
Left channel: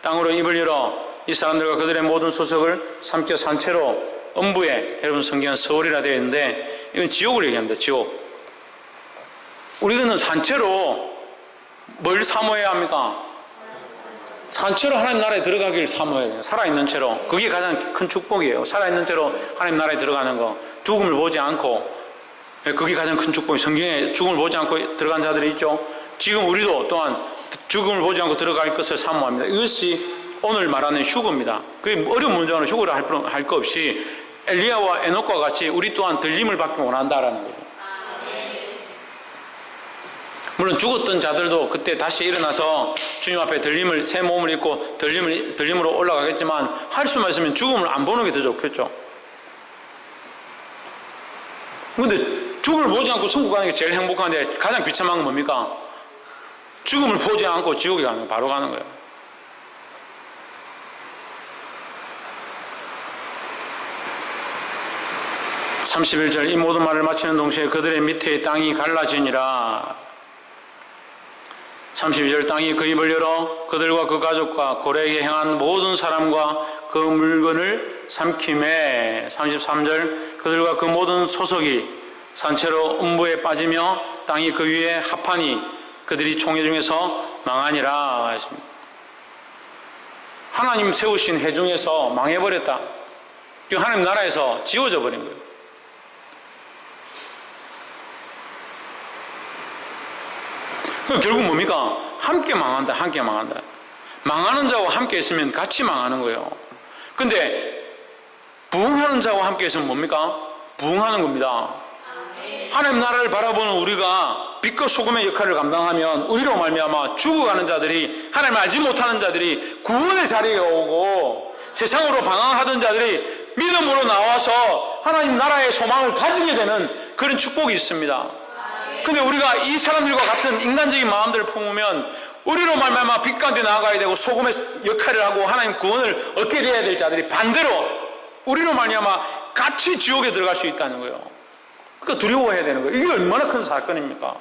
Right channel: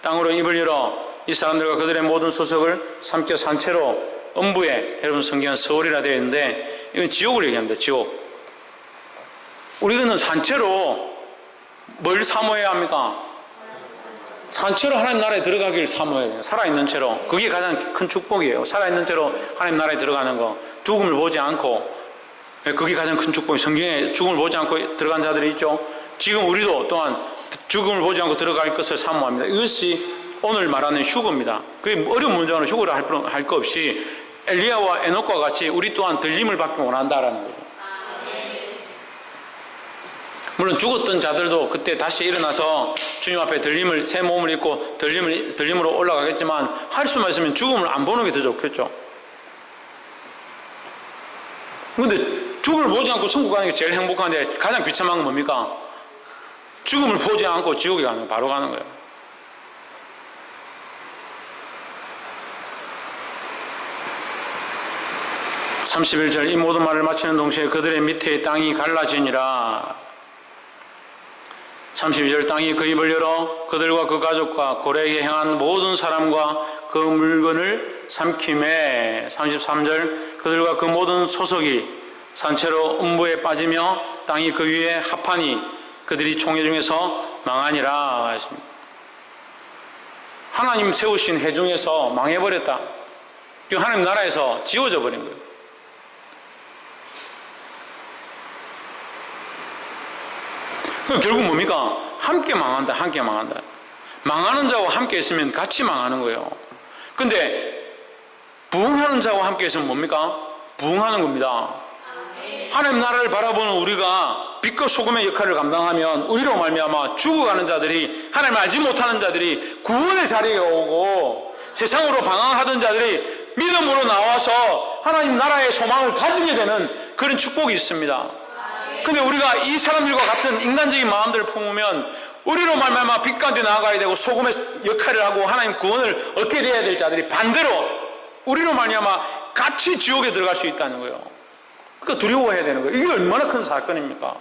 땅으로 입을 열어 이 사람들과 그들의 모든 소속을 삼켜 산채로 음부에, 여러분 성경은 서울이라 되어 있는데 이건 지옥을 얘기합니다. 지옥. 우리는 산채로 뭘 사모해야 합니까? 산채로 하나님 나라에 들어가기를 사모해야 돼요. 살아있는 채로. 그게 가장 큰 축복이에요. 살아있는 채로 하나님 나라에 들어가는 거. 죽음을 보지 않고, 그게 가장 큰 축복이에요. 성경에 죽음을 보지 않고 들어간 자들이 있죠. 지금 우리도 또한 죽음을 보지 않고 들어갈 것을 사모합니다. 이것이 오늘 말하는 휴거입니다. 그게 어려운 문제는 휴거를 할 거 없이 엘리야와 에녹과 같이 우리 또한 들림을 받기 원한다라는 거죠. 물론 죽었던 자들도 그때 다시 일어나서 주님 앞에 새 몸을 입고 들림으로 올라가겠지만 할 수만 있으면 죽음을 안 보는 게 더 좋겠죠. 그런데 죽음을 보지 않고 천국 가는 게 제일 행복한데 가장 비참한 건 뭡니까? 죽음을 보지 않고 지옥에 가는 거, 바로 가는 거예요. (31절) 이 모든 말을 마치는 동시에 그들의 밑에 땅이 갈라지니라. 32절 땅이 그 입을 열어 그들과 그 가족과 고래에게 행한 모든 사람과 그 물건을 삼킴에. 33절 그들과 그 모든 소속이 산채로 음부에 빠지며 땅이 그 위에 합하니 그들이 총회 중에서 망하니라 했습니다. 하나님 세우신 회 중에서 망해버렸다. 하나님 나라에서 지워져 버린 거예요. 결국 뭡니까? 함께 망한다. 함께 망한다. 망하는 자와 함께 있으면 같이 망하는 거예요. 근데 부흥하는 자와 함께 있으면 뭡니까? 부흥하는 겁니다. 하나님 나라를 바라보는 우리가 빛과 소금의 역할을 감당하면 우리로 말미암아 죽어가는 자들이, 하나님을 알지 못하는 자들이 구원의 자리에 오고 세상으로 방황하던 자들이 믿음으로 나와서 하나님 나라의 소망을 가지게 되는 그런 축복이 있습니다. 근데 우리가 이 사람들과 같은 인간적인 마음들을 품으면 우리로 말미암아 빛 가운데 나아가야 되고 소금의 역할을 하고 하나님 구원을 얻게 돼야 될 자들이 반대로 우리로 말미암아 같이 지옥에 들어갈 수 있다는 거예요. 그러니까 두려워해야 되는 거예요. 이게 얼마나 큰 사건입니까?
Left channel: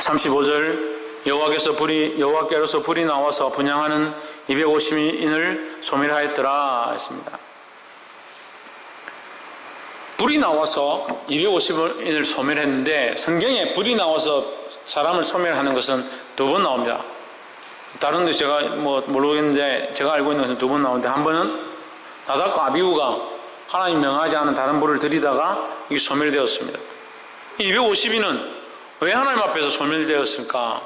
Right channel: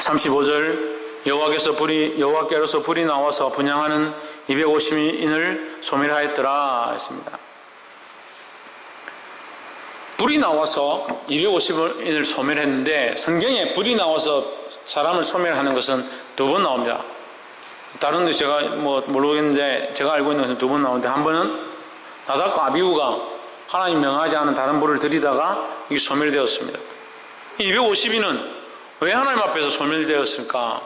(35절) 여호와께로서 불이 나와서 분향하는 250인을 소멸하였더라 했습니다. 불이 나와서 250인을 소멸했는데 성경에 불이 나와서 사람을 소멸하는 것은 2번 나옵니다. 다른 데 제가 모르겠는데 제가 알고 있는 것은 2번 나오는데 한 번은 나답과 아비후가 하나님 명하지 않은 다른 불을 들이다가 이게 소멸되었습니다. 250인은 왜 하나님 앞에서 소멸되었을까?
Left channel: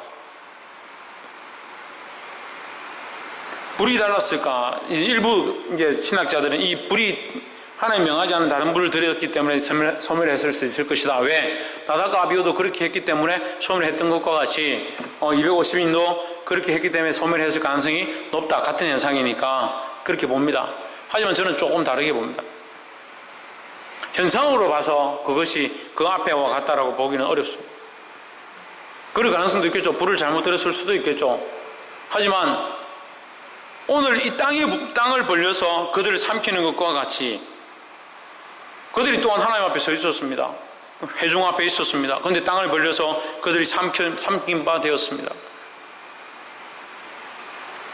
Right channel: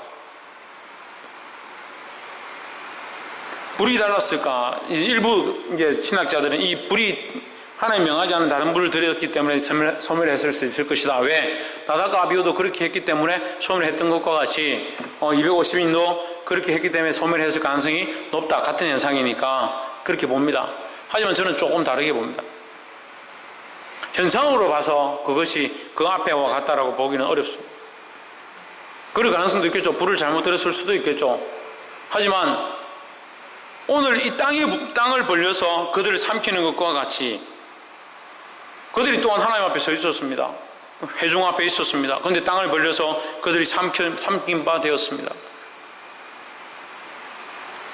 불이 달랐을까? 일부 이제 신학자들은 이 불이 하나님 명하지 않은 다른 불을 들였기 때문에 소멸했을 수 있을 것이다. 왜? 나답과 아비후도 그렇게 했기 때문에 소멸했던 것과 같이 250인도 그렇게 했기 때문에 소멸했을 가능성이 높다. 같은 현상이니까 그렇게 봅니다. 하지만 저는 조금 다르게 봅니다. 현상으로 봐서 그것이 그 앞에와 같다라고 보기는 어렵습니다. 그럴 가능성도 있겠죠. 불을 잘못 들였을 수도 있겠죠. 하지만 오늘 이 땅을 벌려서 그들을 삼키는 것과 같이 그들이 또한 하나님 앞에 서 있었습니다. 회중 앞에 있었습니다. 그런데 땅을 벌려서 그들이 삼킨 바 되었습니다.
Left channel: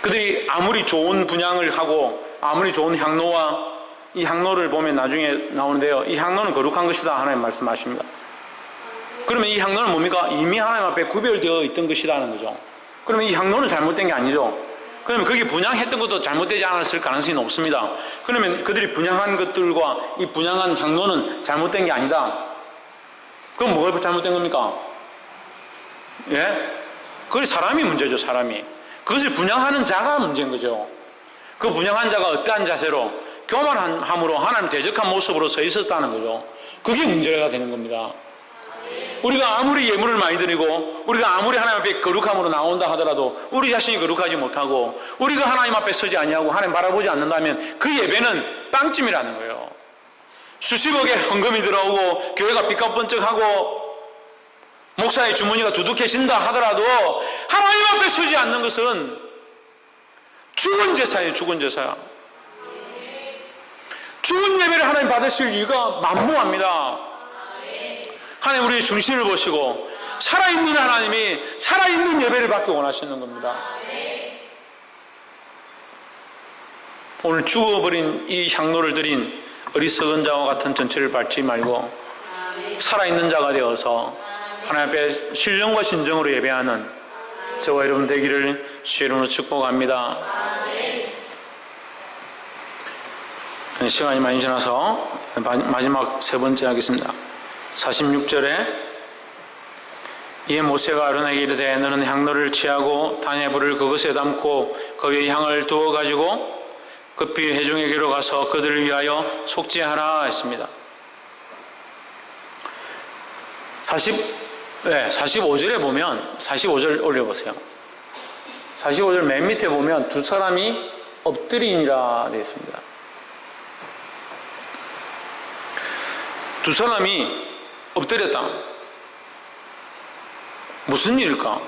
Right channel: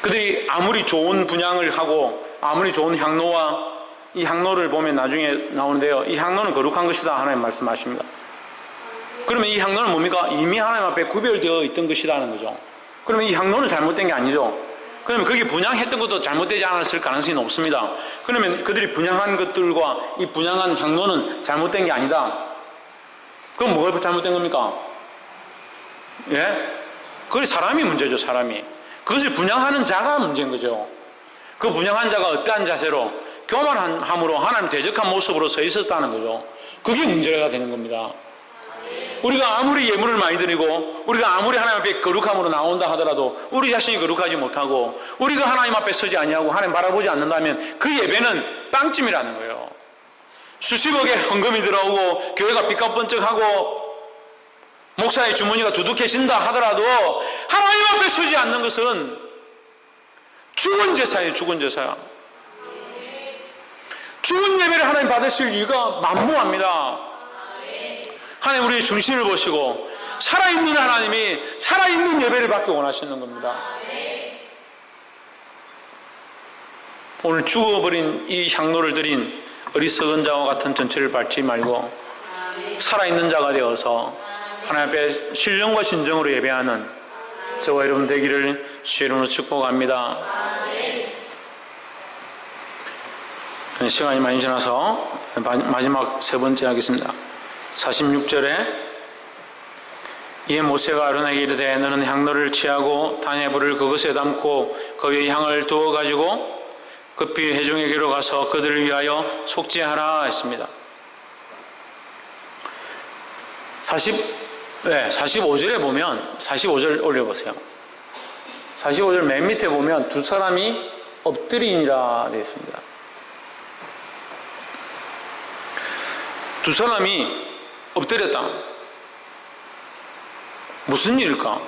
그들이 아무리 좋은 분향을 하고 아무리 좋은 향로와 이 향로를 보면 나중에 나오는데요. 이 향로는 거룩한 것이다 하나님 말씀하십니다. 그러면 이 향로는 뭡니까? 이미 하나님 앞에 구별되어 있던 것이라는 거죠. 그러면 이 향로는 잘못된 게 아니죠. 그러면 거기 분향했던 것도 잘못되지 않았을 가능성이 높습니다. 그러면 그들이 분향한 것들과 이 분향한 향로는 잘못된 게 아니다. 그럼 뭐가 잘못된 겁니까? 예? 그게 사람이 문제죠, 사람이. 그것을 분향하는 자가 문제인 거죠. 그 분향한 자가 어떠한 자세로 교만함으로 하나님 대적한 모습으로 서 있었다는 거죠. 그게 문제가 되는 겁니다. 우리가 아무리 예물을 많이 드리고 우리가 아무리 하나님 앞에 거룩함으로 나온다 하더라도 우리 자신이 거룩하지 못하고 우리가 하나님 앞에 서지 아니하고 하나님 바라보지 않는다면 그 예배는 빵찜이라는 거예요. 수십억의 헌금이 들어오고 교회가 삐까번쩍하고 목사의 주머니가 두둑해진다 하더라도 하나님 앞에 서지 않는 것은 죽은 제사예요. 죽은 제사야. 죽은 예배를 하나님 받으실 이유가 만무합니다. 하나님 우리의 중심을 보시고 살아있는 하나님이 살아있는 예배를 받기 원하시는 겁니다. 오늘 죽어버린 이 향로를 드린 어리석은 자와 같은 전체를 밟지 말고 살아있는 자가 되어서 하나님 앞에 신령과 진정으로 예배하는 저와 여러분 되기를 주의 이름으로 축복합니다. 시간이 많이 지나서 마지막 3번째 하겠습니다. 46절에 이에 모세가 아론에게 이르되 너는 향로를 취하고 단의 불을 그것에 담고 그 위에 향을 두어 가지고 급히 회중에게로 가서 그들을 위하여 속죄하라 했습니다. 45절에 보면 45절 올려보세요. 45절 맨 밑에 보면 두 사람이 엎드리니라 되어 있습니다. 두 사람이 엎드렸다. 무슨 일일까?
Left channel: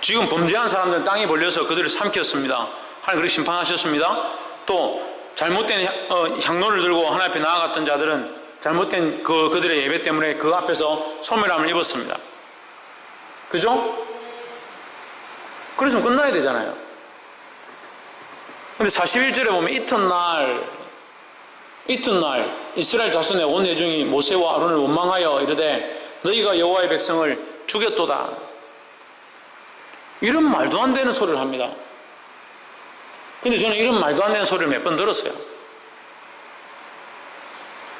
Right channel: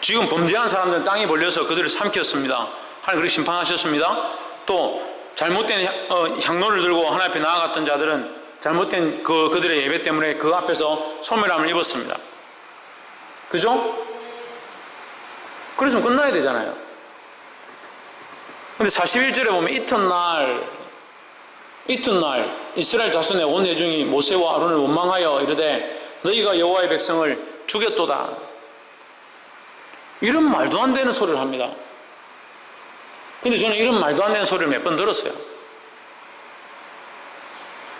지금 범죄한 사람들은 땅에 벌려서 그들을 삼켰습니다. 하나님 그렇게 심판하셨습니다. 또 잘못된 향로를 들고 하나님 앞에 나아갔던 자들은 잘못된 그들의 예배 때문에 그 앞에서 소멸함을 입었습니다. 그죠? 그래서 끝나야 되잖아요. 근데 41절에 보면 이튿날 이스라엘 자손의 온 회중이 모세와 아론을 원망하여 이르되 너희가 여호와의 백성을 죽였도다. 이런 말도 안 되는 소리를 합니다. 근데 저는 이런 말도 안 되는 소리를 몇 번 들었어요.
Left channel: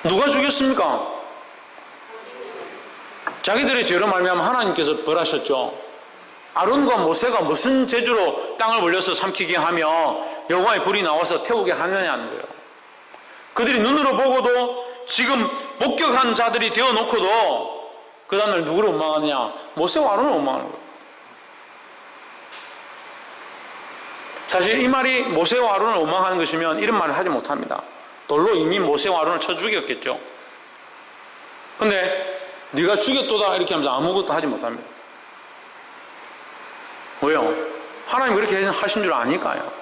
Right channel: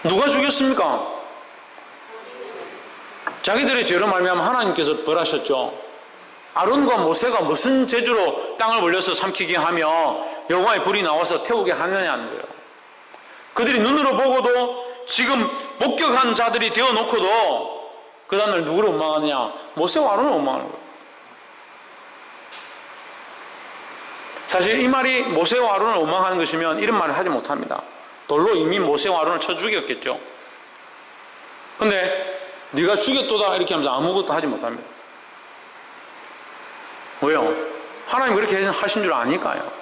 누가 죽였습니까? 자기들의 죄로 말미암아 하나님께서 벌하셨죠. 아론과 모세가 무슨 재주로 땅을 벌려서 삼키게 하며 여호와의 불이 나와서 태우게 하느냐는 거예요. 그들이 눈으로 보고도 지금 목격한 자들이 되어놓고도 그 다음날 누구를 원망하느냐? 모세와 아론을 원망하는 거예요. 사실 이 말이 모세와 아론을 원망하는 것이면 이런 말을 하지 못합니다. 돌로 이미 모세와 아론을 쳐 죽였겠죠. 근데 네가 죽였도다 이렇게 하면서 아무것도 하지 못합니다. 왜요? 하나님 그렇게 하신 줄 아니까요.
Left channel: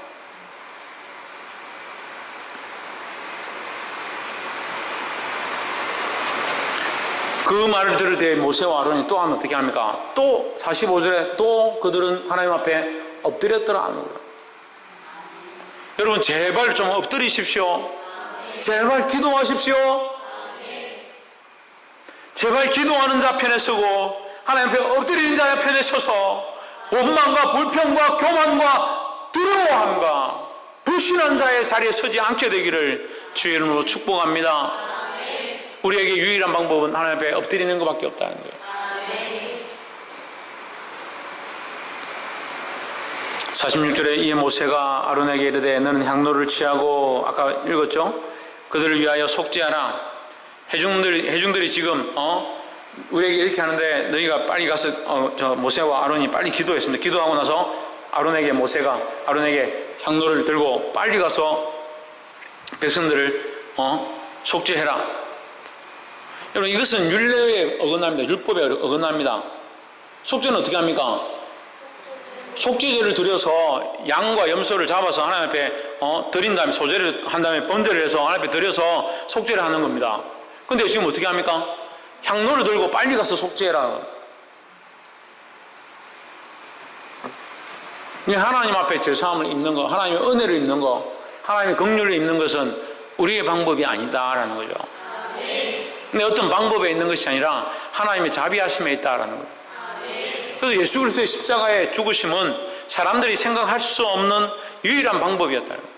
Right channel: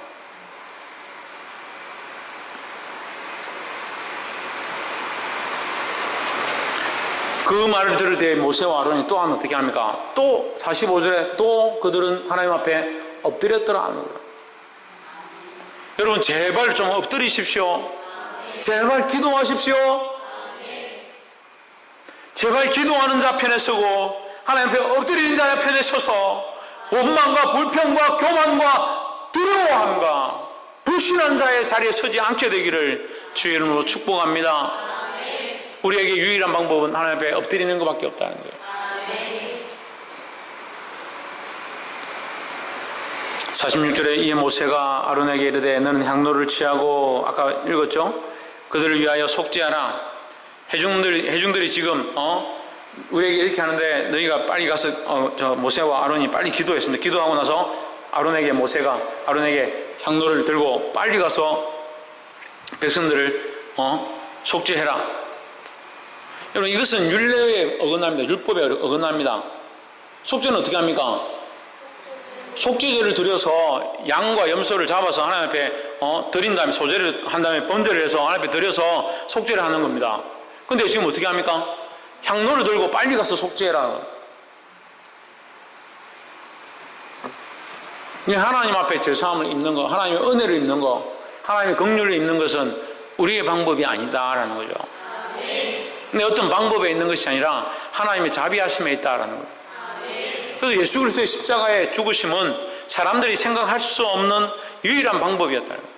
그 말을 들을 때 모세와 아론이 또한 어떻게 합니까? 또 45절에 또 그들은 하나님 앞에 엎드렸더라 하는 거예요. 여러분 제발 좀 엎드리십시오. 제발 기도하십시오. 제발 기도하는 자 편에 서고 하나님 앞에 엎드리는 자의 편에 서서 원망과 불평과 교만과 두려워함과 불신한 자의 자리에 서지 않게 되기를 주의 이름으로 축복합니다. 우리에게 유일한 방법은 하나님 앞에 엎드리는 것밖에 없다는 거예요. 46절에 이에 모세가 아론에게 이르되 너는 향로를 취하고 아까 읽었죠? 그들을 위하여 속죄하라. 회중들이 지금 우리에게 이렇게 하는데 너희가 빨리 가서 모세와 아론이 빨리 기도했습니다. 기도하고 나서 모세가 아론에게 향로를 들고 빨리 가서 백성들을 속죄해라. 여러분 이것은 율례에 어긋납니다. 율법에 어긋납니다. 속죄는 어떻게 합니까? 속죄제를 드려서 양과 염소를 잡아서 하나님 앞에 드린 다음에 소제를 한 다음에 번제를 해서 하나님 앞에 드려서 속죄를 하는 겁니다. 근데 지금 어떻게 합니까? 향로를 들고 빨리 가서 속죄해라. 하나님 앞에 제사함을 입는 거, 하나님의 은혜를 입는 거, 하나님의 긍휼을 입는 것은 우리의 방법이 아니다라는 거죠. 근데 어떤 방법에 있는 것이 아니라 하나님의 자비하심에 있다라는 거예요. 그래서 예수 그리스도의 십자가의 죽으심은 사람들이 생각할 수 없는 유일한 방법이었다는 거예요.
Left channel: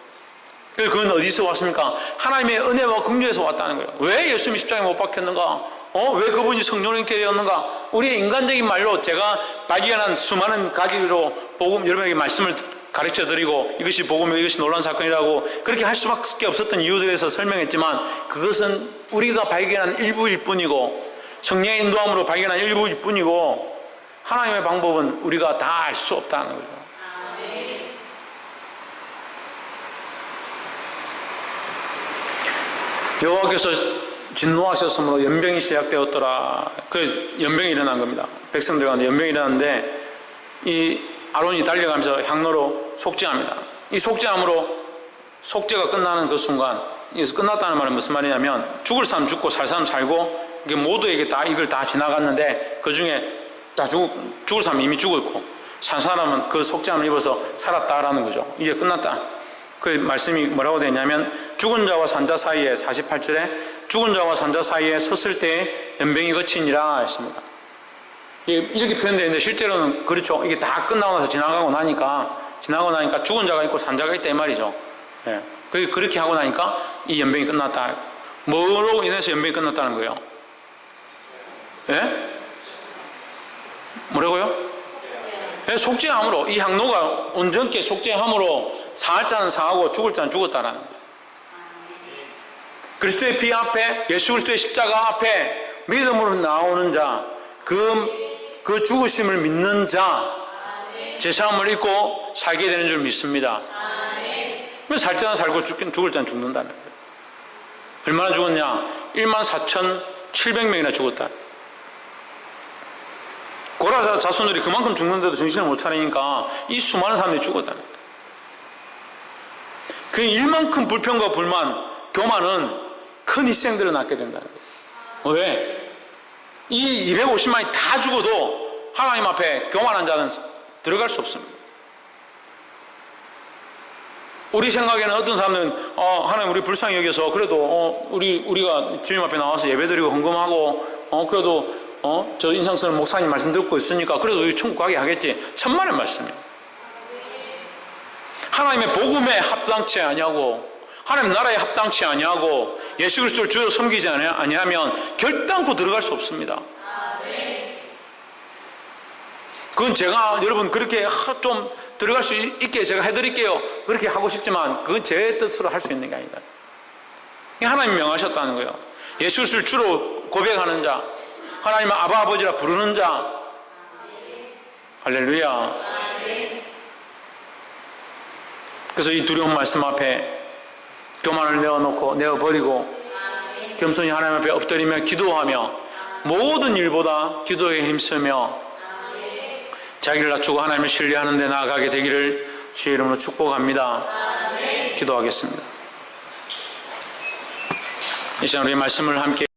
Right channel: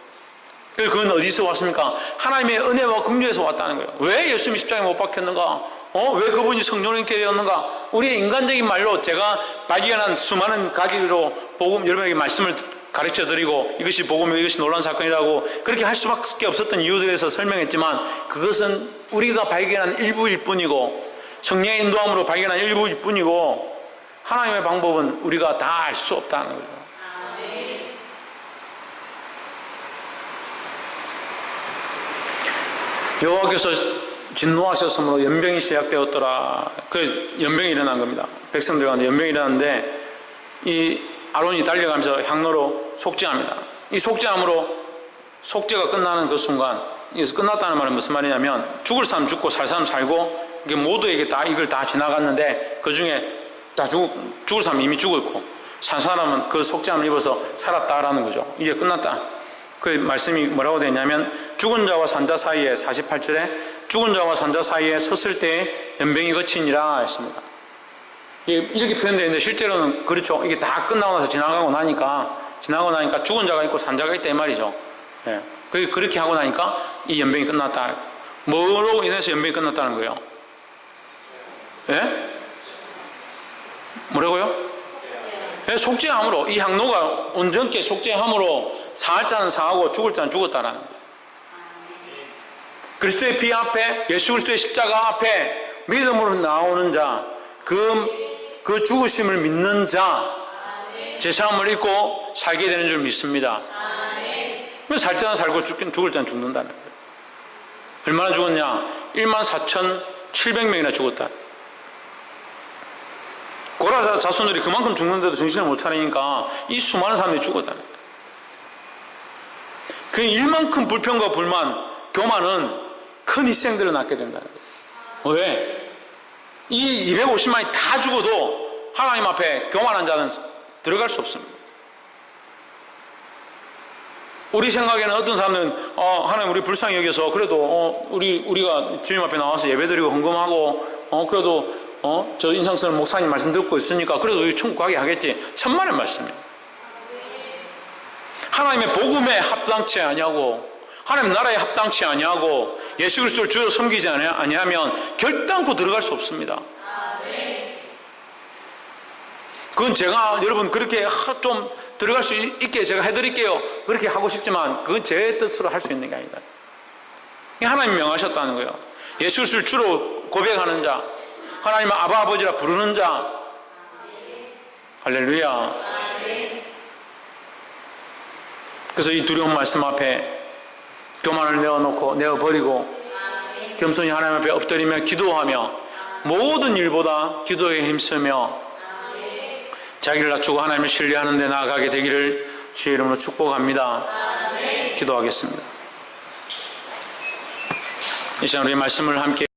그래서 그건 어디서 왔습니까? 하나님의 은혜와 긍휼에서 왔다는 거예요. 왜 예수님이 십자가에 못 박혔는가? 왜 그분이 성령을 입게 되었는가? 우리의 인간적인 말로 제가 발견한 수많은 가지로 복음 여러분에게 말씀을 가르쳐드리고 이것이 복음이고 이것이 놀라운 사건이라고 그렇게 할 수밖에 없었던 이유들에서 설명했지만 그것은 우리가 발견한 일부일 뿐이고 성령의 인도함으로 발견한 일부일 뿐이고 하나님의 방법은 우리가 다 알 수 없다는 거죠. 여호와께서 진노하셨으므로 연병이 시작되었더라. 그 연병이 일어난 겁니다. 백성들 가운데 연병이 일어났는데 이 아론이 달려가면서 향로로 속죄합니다. 이 속죄함으로 속죄가 끝나는 그 순간, 이것이 끝났다는 말은 무슨 말이냐면 죽을 사람 죽고 살 사람 살고 이게 모두에게 다 이걸 다 지나갔는데 그 중에 다 죽을 사람 이미 죽었고 산 사람은 그 속죄함을 입어서 살았다라는 거죠. 이게 끝났다. 그 말씀이 뭐라고 되냐면 죽은 자와 산 자 사이에 48절에 죽은 자와 산 자 사이에 섰을 때 연병이 그치니라 했습니다. 이렇게 표현되어 있는데 실제로는 그렇죠. 이게 다 끝나고 나서 지나가고 나니까 죽은 자가 있고 산 자가 있다 이 말이죠. 예. 그렇게 하고 나니까 이 연병이 끝났다. 뭐로 인해서 연병이 끝났다는 거예요? 예? 뭐라고요? 예, 속죄함으로 이 향로가 온전케 속죄함으로 살 자는 사하고 죽을 자는 죽었다라는 거예요. 그리스도의 피 앞에 예수 그리스도의 십자가 앞에 믿음으로 나오는 자, 그 죽으심을 믿는 자, 제사함을 입고 살게 되는 줄 믿습니다. 살 자는 살고 죽을 자는 죽는다는 거예요. 얼마나 죽었냐? 14,700명이나 죽었다. 고라 자손들이 그만큼 죽는데도 정신을 못 차리니까 이 수많은 사람들이 죽었다는 거예요. 그 일만큼 불평과 불만, 교만은 큰 희생들을 낳게 된다는 거예요. 왜? 이 250만이 다 죽어도 하나님 앞에 교만한 자는 들어갈 수 없습니다. 우리 생각에는 어떤 사람들은 하나님 우리 불쌍히 여겨서 그래도 우리가 주님 앞에 나와서 예배드리고 헌금하고 그래도 저 인상 쓰는 목사님 말씀 듣고 있으니까 그래도 우리 천국 가게 하겠지. 천만의 말씀이에요. 하나님의 복음에 합당치 아니하고 하나님 나라에 합당치 아니하고 예수 그리스도를 주여 섬기지 아니하면 결단코 들어갈 수 없습니다. 그건 제가 여러분 그렇게 좀 들어갈 수 있게 제가 해드릴게요 그렇게 하고 싶지만 그건 제 뜻으로 할 수 있는 게 아니다. 하나님이 명하셨다는 거예요. 예수 그리스도를 주로 고백하는 자, 하나님의 아바 아버지라 부르는 자. 할렐루야. 그래서 이 두려운 말씀 앞에 교만을 내어버리고 겸손히 하나님 앞에 엎드리며 기도하며 모든 일보다 기도에 힘쓰며 자기를 낮추고 하나님을 신뢰하는 데 나아가게 되기를 주의 이름으로 축복합니다. 기도하겠습니다. 이 시간 우리 말씀을 함께